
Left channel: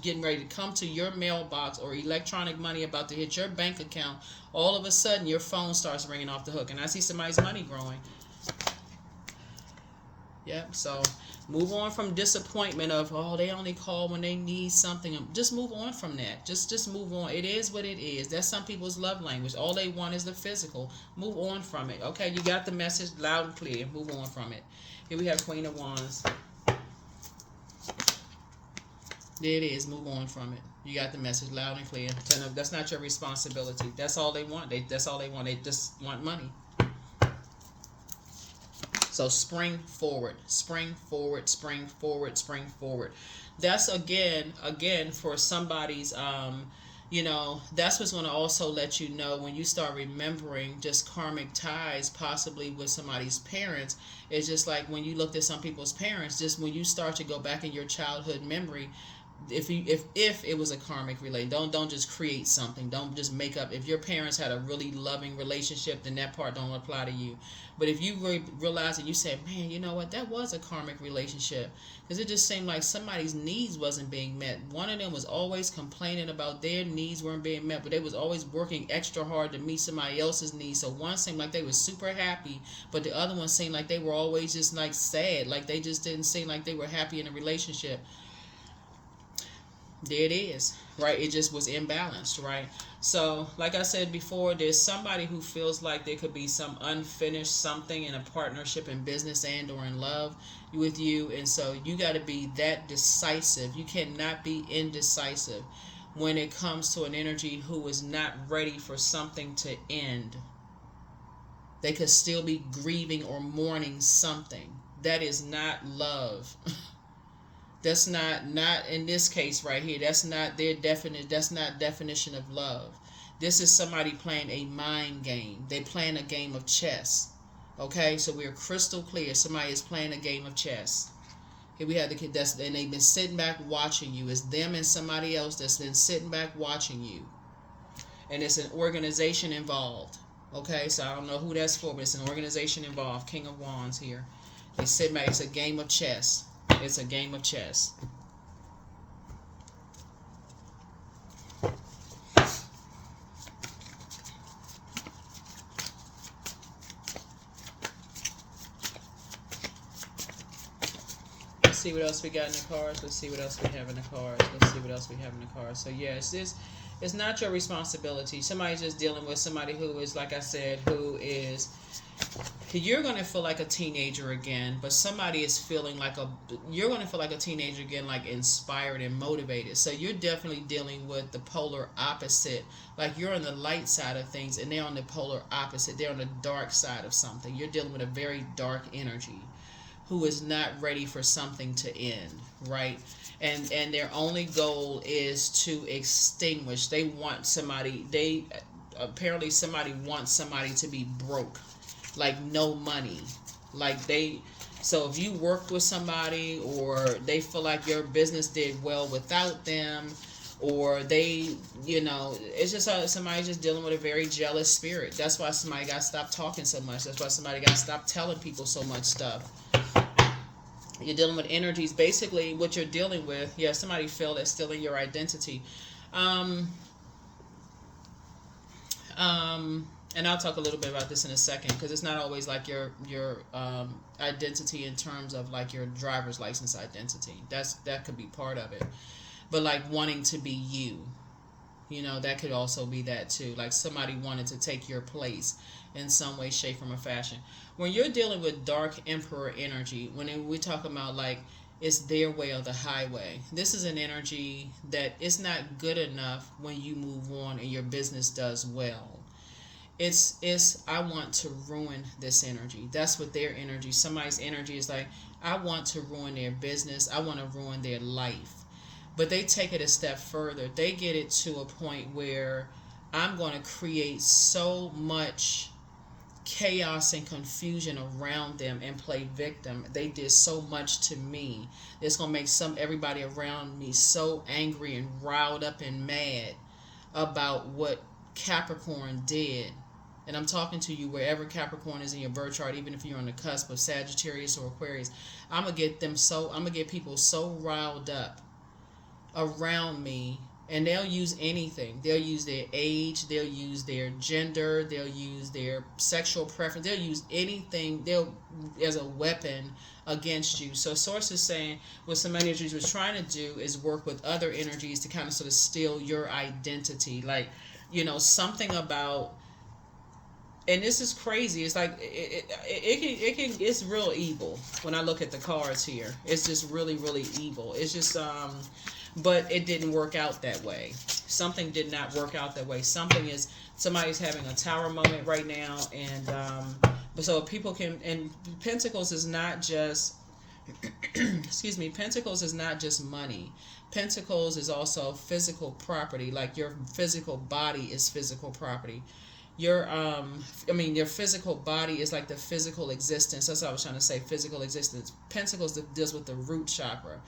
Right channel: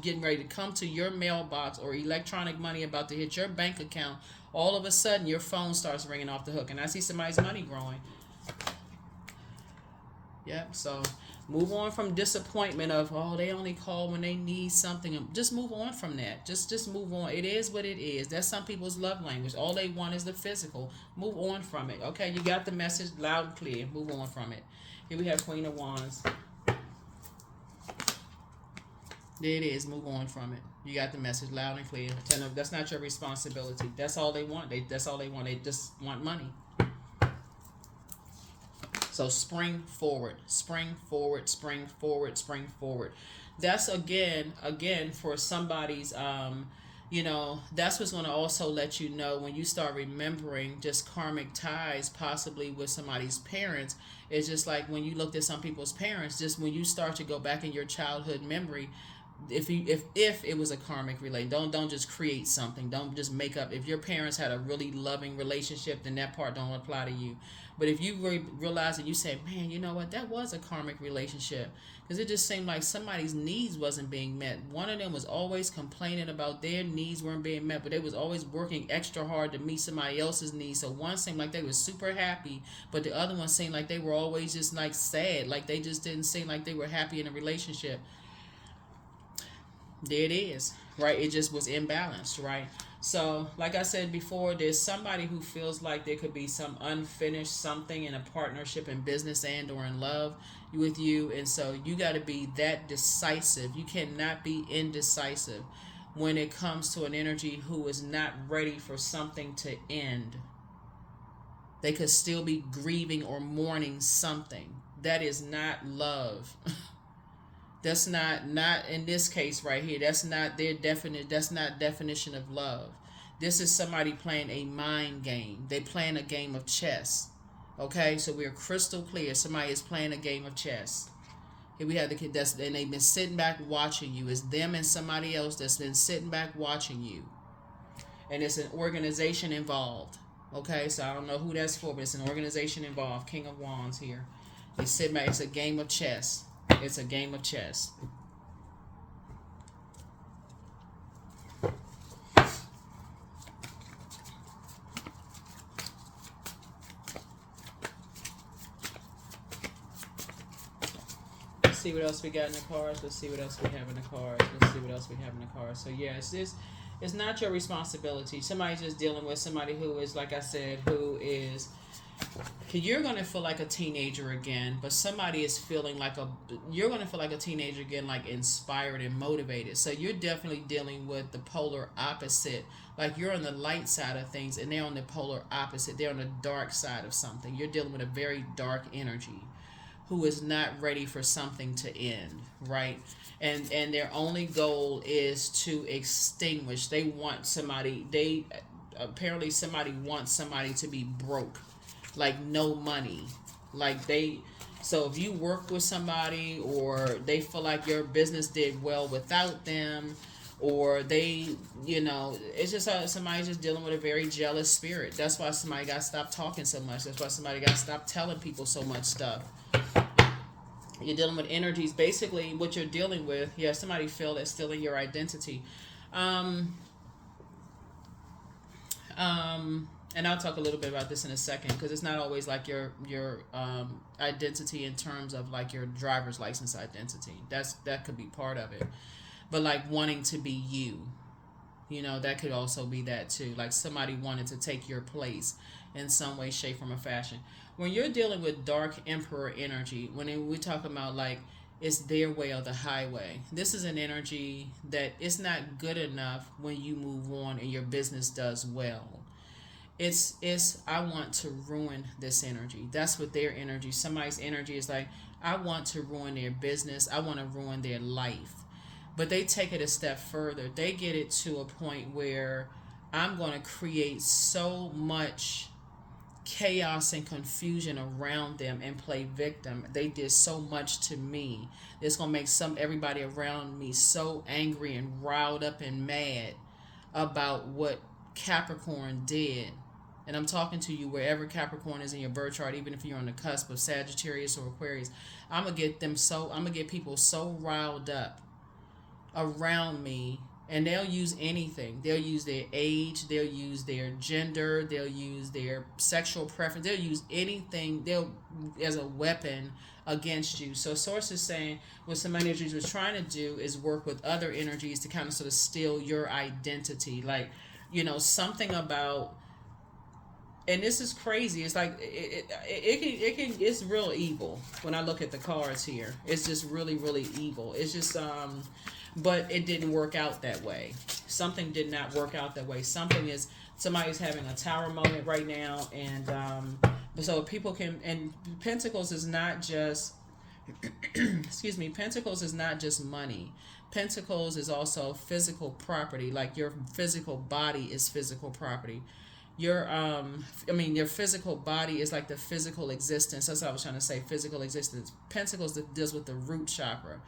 getting ready to come to your mailbox, or electronic money about to hit your bank account. All of a sudden, your phone starts ringing off the hook, and I see somebody's money growing. Yep. So move on from disappointment of, oh, they only call when they need something. Just move on from that. Just move on. It is what it is. That's some people's love language. All they want is the physical. Move on from it. Okay, you got the message loud and clear. Move on from it. Here we have Queen of Wands. There it is. Move on from it. You got the message loud and clear. Tell them that's not your responsibility. That's all they want. That's all they want. They just want money. So spring forward, spring forward, spring forward, spring forward. That's again for somebody's, that's what's going to also let you know when you start remembering just karmic ties, possibly with somebody's parents. It's just like when you looked at some people's parents, just when you start to go back in your childhood memory, if it was a karmic relate, don't just create something. Don't just make up. If your parents had a really loving relationship, then that part don't apply to you. But if you realize that you say, man, you know what, that was a karmic relationship, because it just seemed like somebody's needs wasn't being met. One of them was always complaining about their needs weren't being met, but they was always working extra hard to meet somebody else's needs. So one seemed like they were super happy, but the other one seemed like they were always just like sad, like they just didn't seem like they were happy in a relationship. There it is, right? It just was imbalanced, right? So, like I said before, there's somebody who feels like there could be some unfinished something in a partnership in business and or in love with you. And so you got to be that decisive. You cannot be indecisive when it comes to an energy who is not ready for something to end. They could still be grieving or mourning something. That is not love. That's not in this case right here. That's not their definition of love. This is somebody playing a mind game. They playing a game of chess. Okay, so we're crystal clear. Somebody is playing a game of chess. Here we have the kid and they've been sitting back watching you. It's them and somebody else that's been sitting back watching you. And it's an organization involved. Okay, so I don't know who that's for, but it's an organization involved. King of Wands here. They sit back. It's a game of chess. It's a game of chess. Let's see what else we got in the cards. Let's see what else we have in the cards. Let's see what else we have in the cards. So yeah, it's not your responsibility. Somebody's just dealing with somebody who is, like I said, who is. You're going to feel like a teenager again, but somebody is feeling like you're going to feel like a teenager again, like inspired and motivated. So you're definitely dealing with the polar opposite. Like you're on the light side of things and they're on the polar opposite. They're on the dark side of something. You're dealing with a very dark energy who is not ready for something to end, right? And their only goal is to extinguish. They want somebody, apparently somebody wants somebody to be broke. Like no money, like they So if you work with somebody, or they feel like your business did well without them, or they, it's just somebody's just dealing with a very jealous spirit. That's why somebody got to stop talking so much. That's why somebody got to stop telling people so much stuff. You're dealing with energies. Basically, what you're dealing with, yeah, somebody feel that's stealing your identity. Um, and I'll talk a little bit about this in a second, because it's not always like your identity in terms of like your driver's license identity. That could be part of it, but like wanting to be you, that could also be that too. Like somebody wanted to take your place in some way, shape, form, or fashion. When you're dealing with dark emperor energy, when we talk about like it's their way or the highway, this is an energy that is not good enough when you move on and your business does well. It's I want to ruin this energy. That's what their energy. Somebody's energy is like, I want to ruin their business. I want to ruin their life. But they take it a step further. They get it to a point where I'm going to create so much chaos and confusion around them and play victim. They did so much to me. It's going to make everybody around me so angry and riled up and mad about what Capricorn did. And I'm talking to you wherever Capricorn is in your birth chart, even if you're on the cusp of Sagittarius or Aquarius. I'm gonna get people so riled up around me, and they'll use anything. They'll use their age, they'll use their gender, they'll use their sexual preference, they'll use anything as a weapon against you. So source is saying what some energies was trying to do is work with other energies to kind of sort of steal your identity. Like, something about, and this is crazy. It's like it's real evil when I look at the cards here. It's just really, really evil. It's just but it didn't work out that way. Something did not work out that way. Somebody's having a tower moment right now, and so people can, and Pentacles is not just excuse me, Pentacles is not just money. Pentacles is also physical property. Like your physical body is physical property. Your physical body is like the physical existence. That's what I was trying to say, physical existence. Pentacles deals with the root chakra,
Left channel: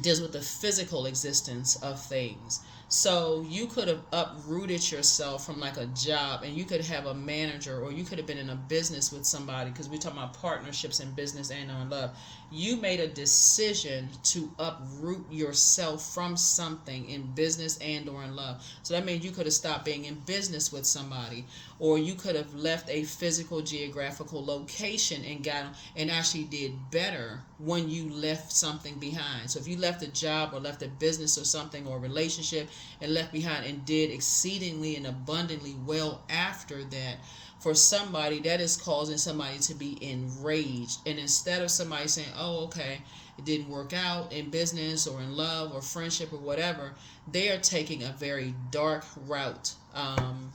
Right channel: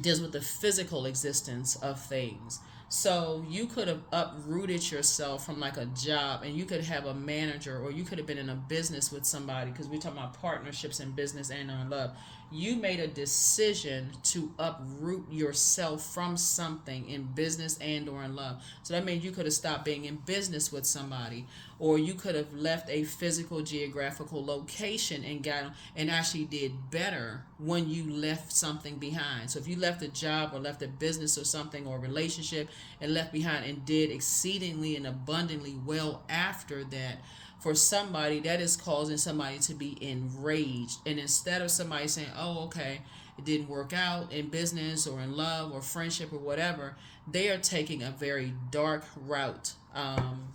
deals with the physical existence of things. So you could have uprooted yourself from like a job, and you could have a manager, or you could have been in a business with somebody, because we're talking about partnerships in business and on love. You made a decision to uproot yourself from something in business and or in love. So that means you could have stopped being in business with somebody, or you could have left a physical geographical location and actually did better when you left something behind. So if you left a job or left a business or something, or a relationship, and left behind and did exceedingly and abundantly well after that, for somebody, that is causing somebody to be enraged. And instead of somebody saying, oh, okay, it didn't work out in business or in love or friendship or whatever, they are taking a very dark route. And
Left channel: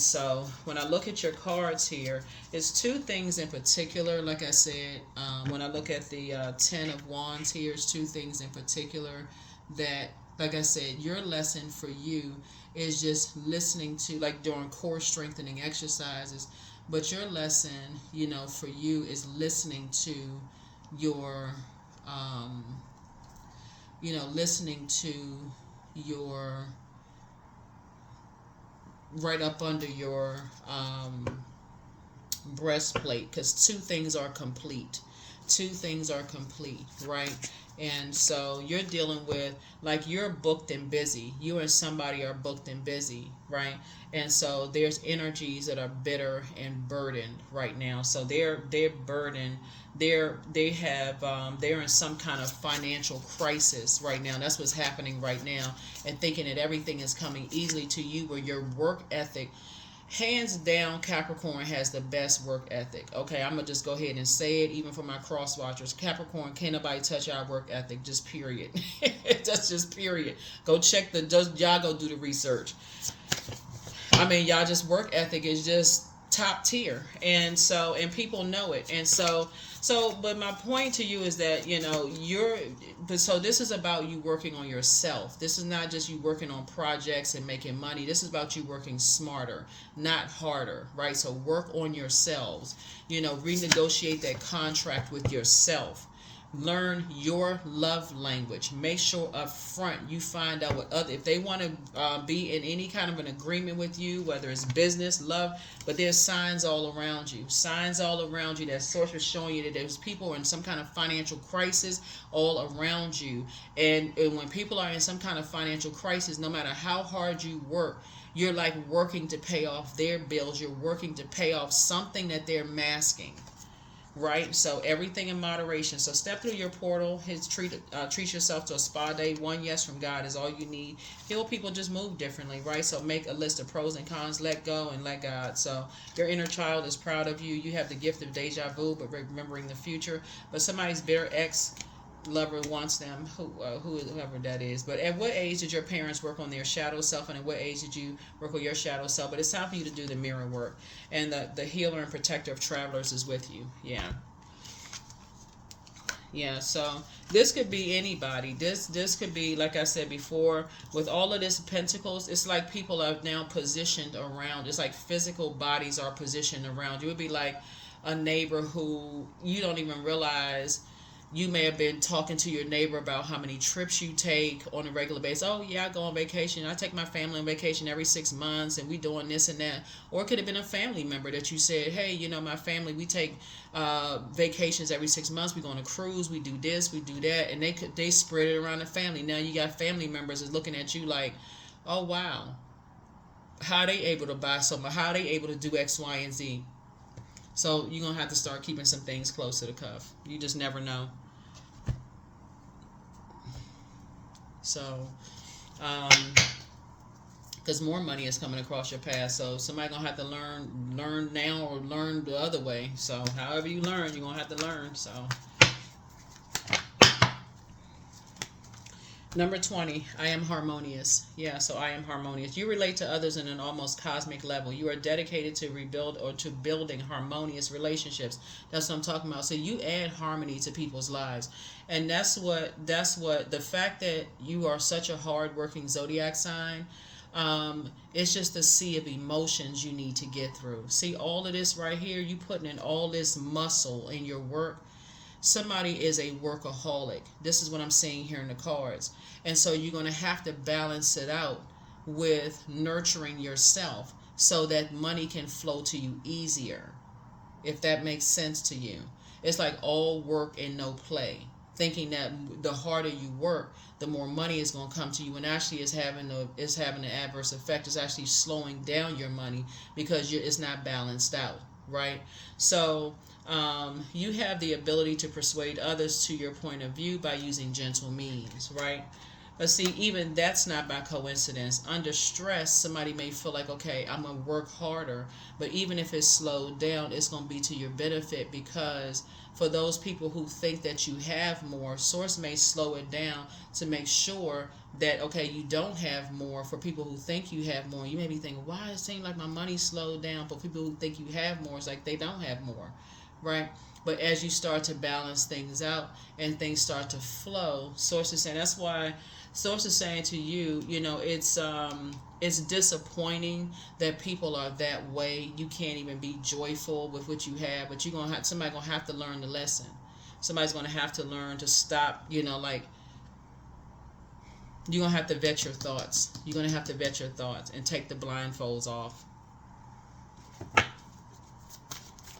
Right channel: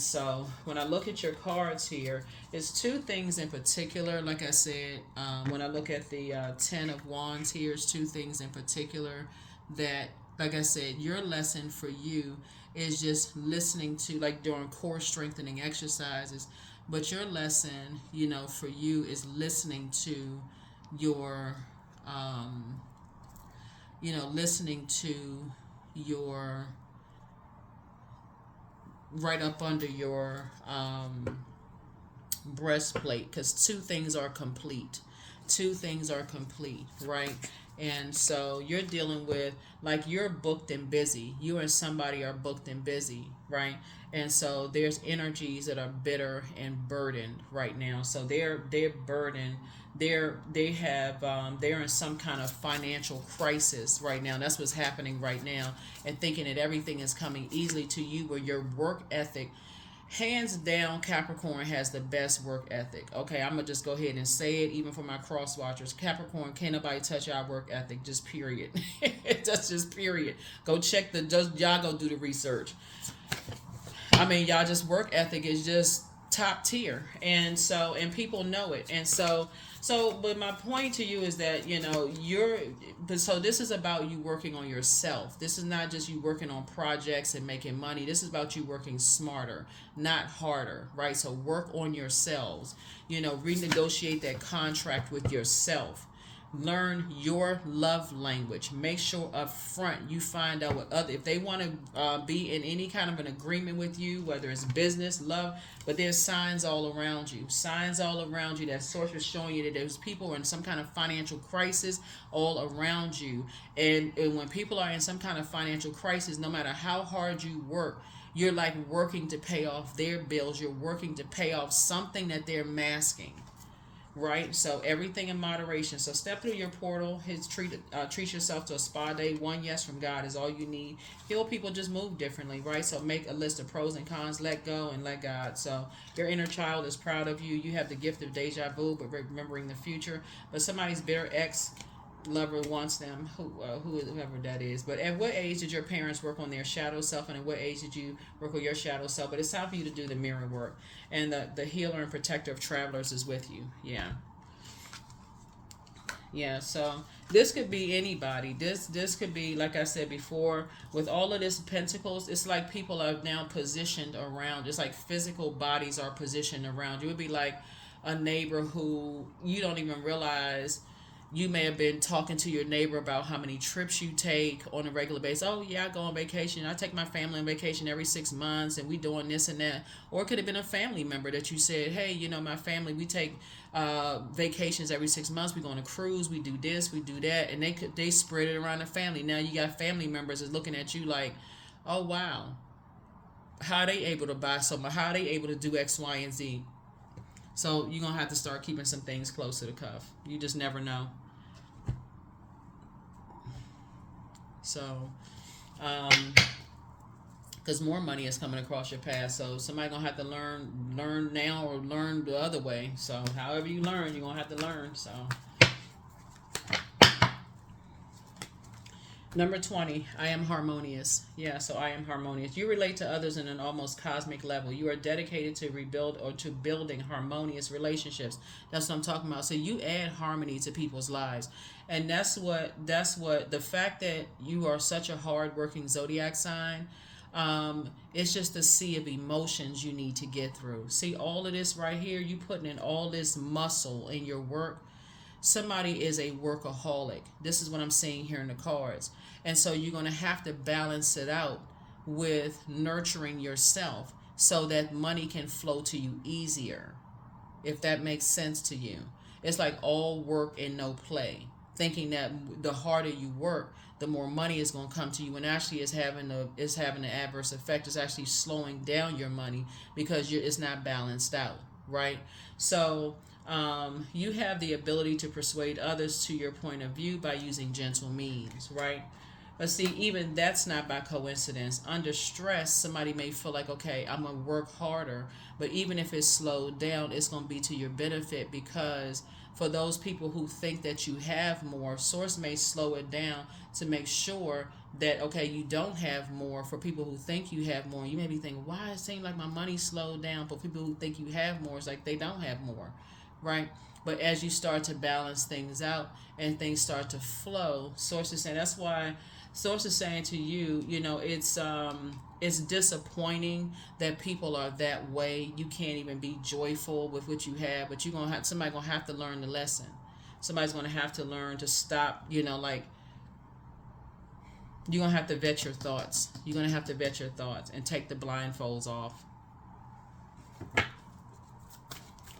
so when I look at your cards here, it's two things in particular. Like I said, when I look at the 10 of Wands here, it's two things in particular that, like I said, your lesson for you is just listening to, like during core strengthening exercises, but your lesson, for you is listening to your, right up under your breastplate, because two things are complete, right? And so you're dealing with, like, you're booked and busy. You and somebody are booked and busy, right? And so there's energies that are bitter and burdened right now. So they're burdened. They're in some kind of financial crisis right now. That's what's happening right now. And thinking that everything is coming easily to you, where your work ethic, hands down, Capricorn has the best work ethic. Okay, I'm going to just go ahead and say it, even for my cross watchers. Capricorn, can't nobody touch our work ethic, just period. That's just period. Go check y'all go do the research. Y'all just work ethic is just top tier. And people know it. And so So, but my point to you is that, but so this is about you working on yourself. This is not just you working on projects and making money. This is about you working smarter, not harder, right? So work on yourselves. Renegotiate that contract with yourself. Learn your love language. Make sure up front you find out what other, if they want to be in any kind of an agreement with you, whether it's business, love, but there's signs all around you. Signs all around you that source is showing you that there's people in some kind of financial crisis all around you. And when people are in some kind of financial crisis, no matter how hard you work, you're like working to pay off their bills. You're working to pay off something that they're masking. Right, so everything in moderation. So step through your portal. Treat yourself to a spa day. One yes from God is all you need. Heal people just move differently, right? So make a list of pros and cons. Let go and let God. So your inner child is proud of you. You have the gift of deja vu, but remembering the future. But somebody's bare ex lover wants them, whoever that is. But at what age did your parents work on their shadow self, and at what age did you work on your shadow self? But it's time for you to do the mirror work, and the healer and protector of travelers is with you. So this could be anybody. This could be, like I said before, with all of this pentacles, it's like people are now positioned around. It's like physical bodies are positioned around you. It would be like a neighbor who you don't even realize. You may have been talking to your neighbor about how many trips you take on a regular basis. Oh, yeah, I go on vacation. I take my family on vacation every 6 months, and we doing this and that. Or it could have been a family member that you said, hey, my family, we take vacations every 6 months. We go on a cruise. We do this, we do that. And they spread it around the family. Now you got family members that's looking at you like, oh, wow. How are they able to buy something? How are they able to do X, Y, and Z? So you're going to have to start keeping some things close to the cuff. You just never know. So, because more money is coming across your path. So somebody's going to have to learn now or learn the other way. So however you learn, you're going to have to learn. So number 20, I am harmonious. So I am harmonious. You relate to others in an almost cosmic level. You are dedicated to rebuild or to building harmonious relationships. That's what I'm talking about. So you add harmony to people's lives. And that's what the fact that you are such a hard-working zodiac sign, it's just a sea of emotions you need to get through. See, all of this right here, you putting in all this muscle in your work. Somebody is a workaholic. This is what I'm seeing here in the cards. And so you're going to have to balance it out with nurturing yourself so that money can flow to you easier, if that makes sense to you. It's like all work and no play, thinking that the harder you work, the more money is going to come to you, and actually is having an adverse effect. It's actually slowing down your money because it's not balanced out, right? So you have the ability to persuade others to your point of view by using gentle means, right? But see, even that's not by coincidence. Under stress, somebody may feel like, okay, I'm going to work harder. But even if it's slowed down, it's going to be to your benefit, because for those people who think that you have more, Source may slow it down to make sure that, okay, you don't have more. For people who think you have more, you may be thinking, why does it seem like my money slowed down? But people who think you have more, it's like they don't have more, right? But as you start to balance things out and things start to flow, Source is saying, that's why Source is saying to you, it's disappointing that people are that way. You can't even be joyful with what you have, but somebody's gonna have to learn the lesson. Somebody's gonna have to learn to stop, you're gonna have to vet your thoughts. You're gonna have to vet your thoughts and take the blindfolds off.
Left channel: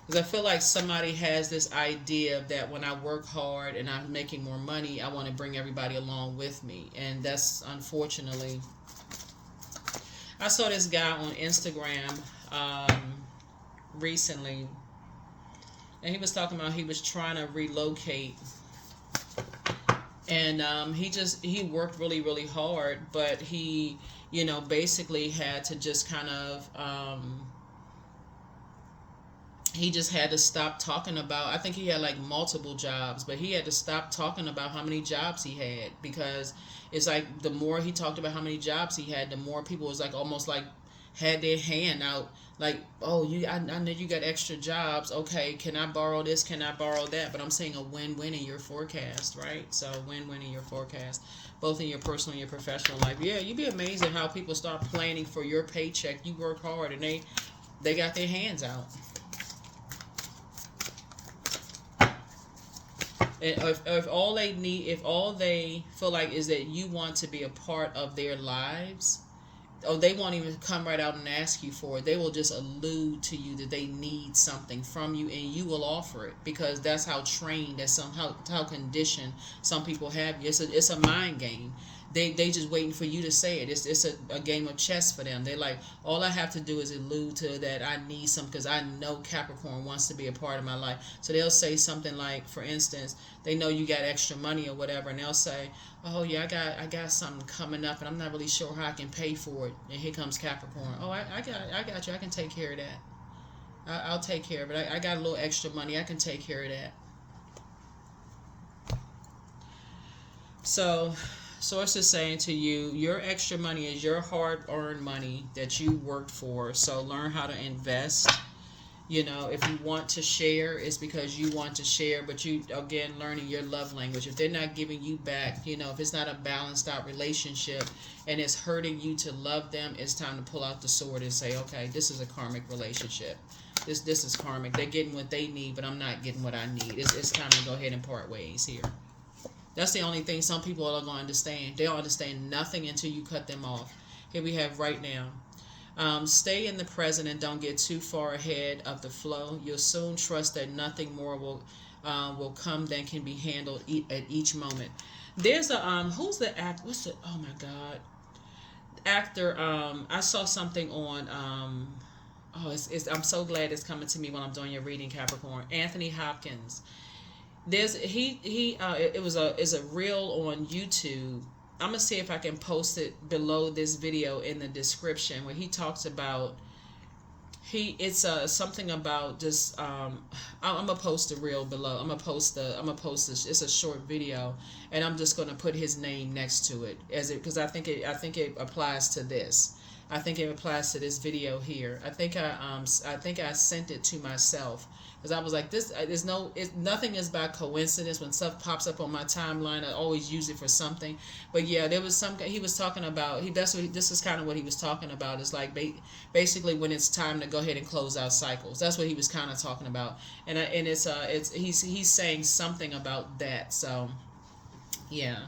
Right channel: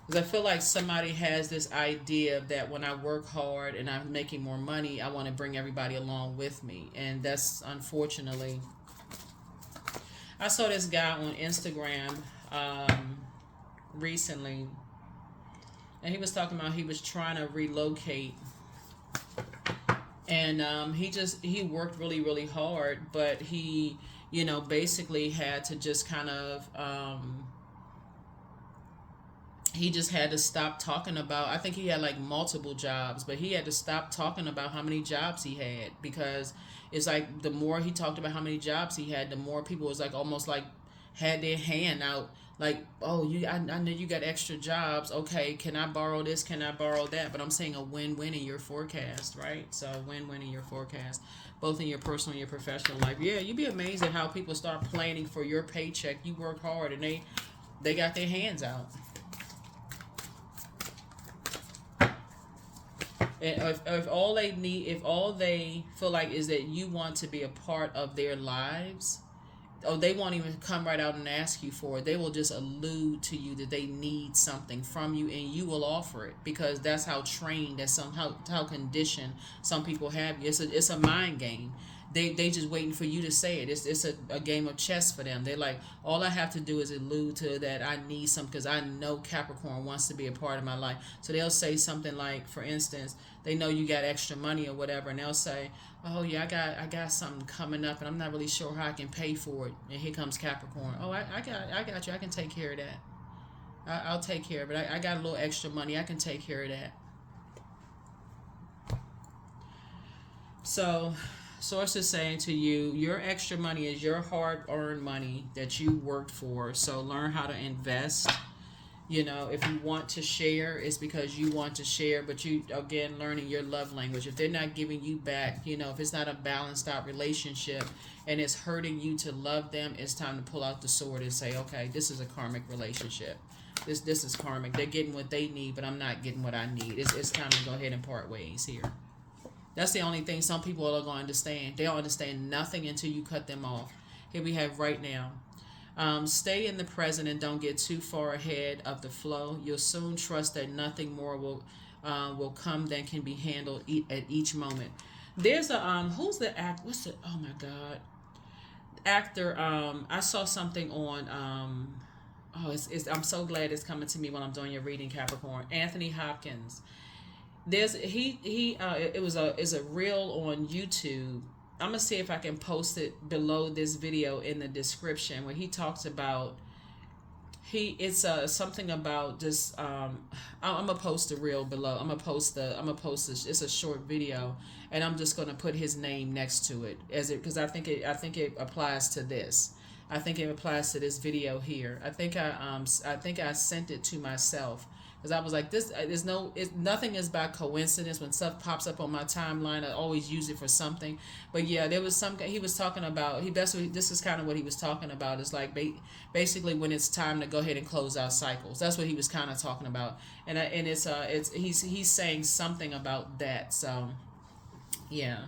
Because I feel like somebody has this idea that when I work hard and I'm making more money, I want to bring everybody along with me. And that's, unfortunately, I saw this guy on Instagram recently, and he was talking about he was trying to relocate. And he worked really, really hard, but he, basically had to just kind of... he just had to stop talking about, I think he had like multiple jobs, but he had to stop talking about how many jobs he had, because it's like the more he talked about how many jobs he had, the more people was like almost like had their hand out like, oh, I know you got extra jobs. Okay, can I borrow this? Can I borrow that? But I'm saying a win-win in your forecast, right? So win-win in your forecast, both in your personal and your professional life. Yeah, you'd be amazed at how people start planning for your paycheck. You work hard, and they got their hands out. And if all they need, if all they feel like is that you want to be a part of their lives, oh, they won't even come right out and ask you for it. They will just allude to you that they need something from you, and you will offer it because that's how trained, that's how conditioned some people have you. It's a mind game. They just waiting for you to say it. It's a game of chess for them. They like, all I have to do is allude to that I need something because I know Capricorn wants to be a part of my life. So they'll say something like, for instance, they know you got extra money or whatever, and they'll say, oh yeah, I got something coming up, and I'm not really sure how I can pay for it. And here comes Capricorn. Oh, I got you. I can take care of that. I'll take care of it. I got a little extra money. I can take care of that. So, Source is saying to you, your extra money is your hard-earned money that you worked for. So learn how to invest. You know, if you want to share, it's because you want to share, but you, again, learning your love language. If they're not giving you back, you know, if it's not a balanced out relationship and it's hurting you to love them, it's time to pull out the sword and say, okay, this is a karmic relationship. This is karmic. They're getting what they need, but I'm not getting what I need. It's time to go ahead and part ways here. That's the only thing some people are going to understand. They don't understand nothing until you cut them off. Here we have right now. Stay in the present and don't get too far ahead of the flow. You'll soon trust that nothing more will come than can be handled at each moment. There's a who's the act? What's the, oh my God, actor? I saw something on I'm so glad it's coming to me when I'm doing your reading, Capricorn. Anthony Hopkins. There's it was a reel on YouTube. I'm gonna see if I can post it below this video in the description where he talks about it's something about just I'm gonna post the reel below. I'm gonna post this. It's a short video, and I'm just gonna put his name next to it because I think it applies to this. I think it applies to this video here. I think I sent it to myself. Because I was like, nothing is by coincidence. When stuff pops up on my timeline, I always use it for something. But yeah, there was something he was talking about. This is kind of what he was talking about. It's like basically when it's time to go ahead and close out cycles. That's what he was kind of talking about. And he's saying something about that. So yeah.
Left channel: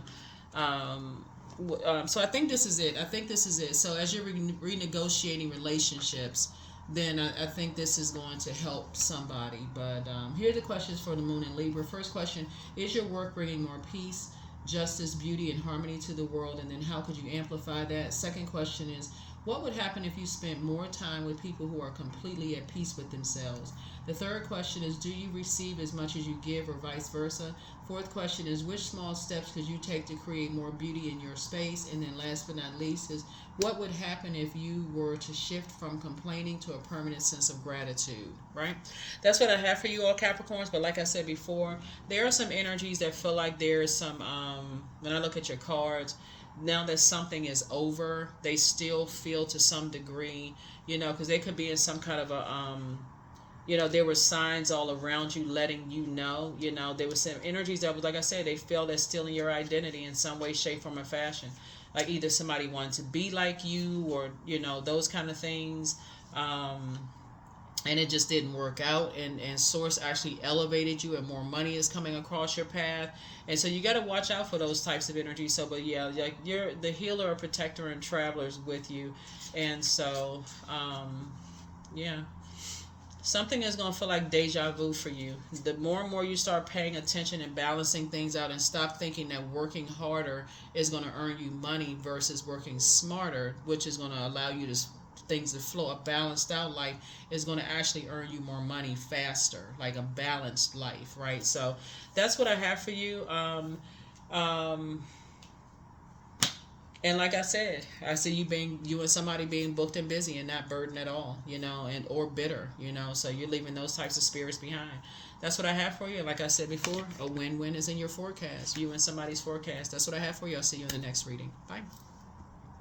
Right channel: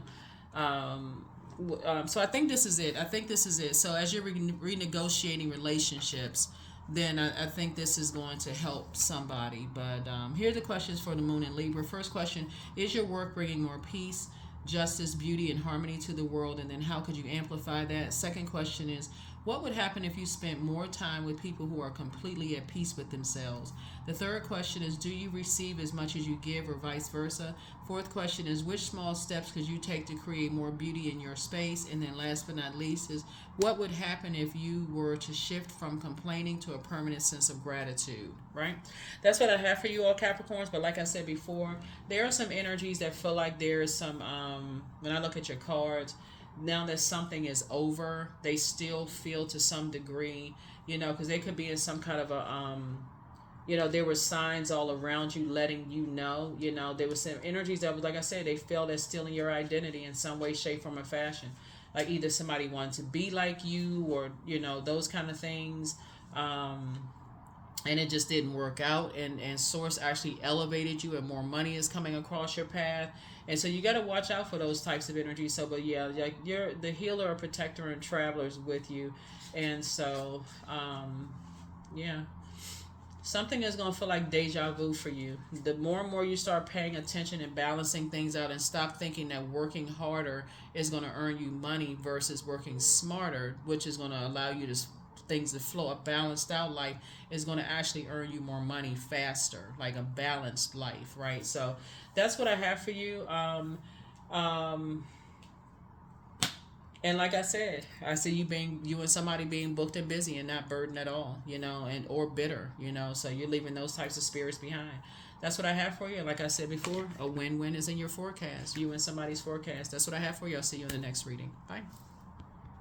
So I think this is it. So as you're renegotiating relationships, then I think this is going to help somebody. But here are the questions for the Moon and Libra. First question, is your work bringing more peace, justice, beauty, and harmony to the world? And then how could you amplify that? Second question is, what would happen if you spent more time with people who are completely at peace with themselves? The third question is, do you receive as much as you give or vice versa? Fourth question is, which small steps could you take to create more beauty in your space? And then last but not least is, what would happen if you were to shift from complaining to a permanent sense of gratitude, right? That's what I have for you all, Capricorns. But like I said before, there are some energies that feel like there's some, when I look at your cards, now that something is over, they still feel to some degree, because they could be in some kind of a, there were signs all around you letting you know, there was some energies that was, like I said, they feel they're stealing your identity in some way, shape, form, or fashion. Like either somebody wanted to be like you or, those kind of things. And it just didn't work out. And Source actually elevated you and more money is coming across your path. And so you got to watch out for those types of energies. So, but yeah, like you're the healer or protector and travelers with you. And so, yeah. Something is going to feel like deja vu for you. The more and more you start paying attention and balancing things out and stop thinking that working harder is going to earn you money versus working smarter, which is going to allow you to things to flow. A balanced out life is going to actually earn you more money faster, like a balanced life, right? So that's what I have for you. And like I said, I see you and somebody being booked and busy and not burdened at all, and or bitter, so you're leaving those types of spirits behind. That's what I have for you. Like I said before, a win-win is in your forecast. You and somebody's forecast. That's what I have for you. I'll see you in the next reading. Bye.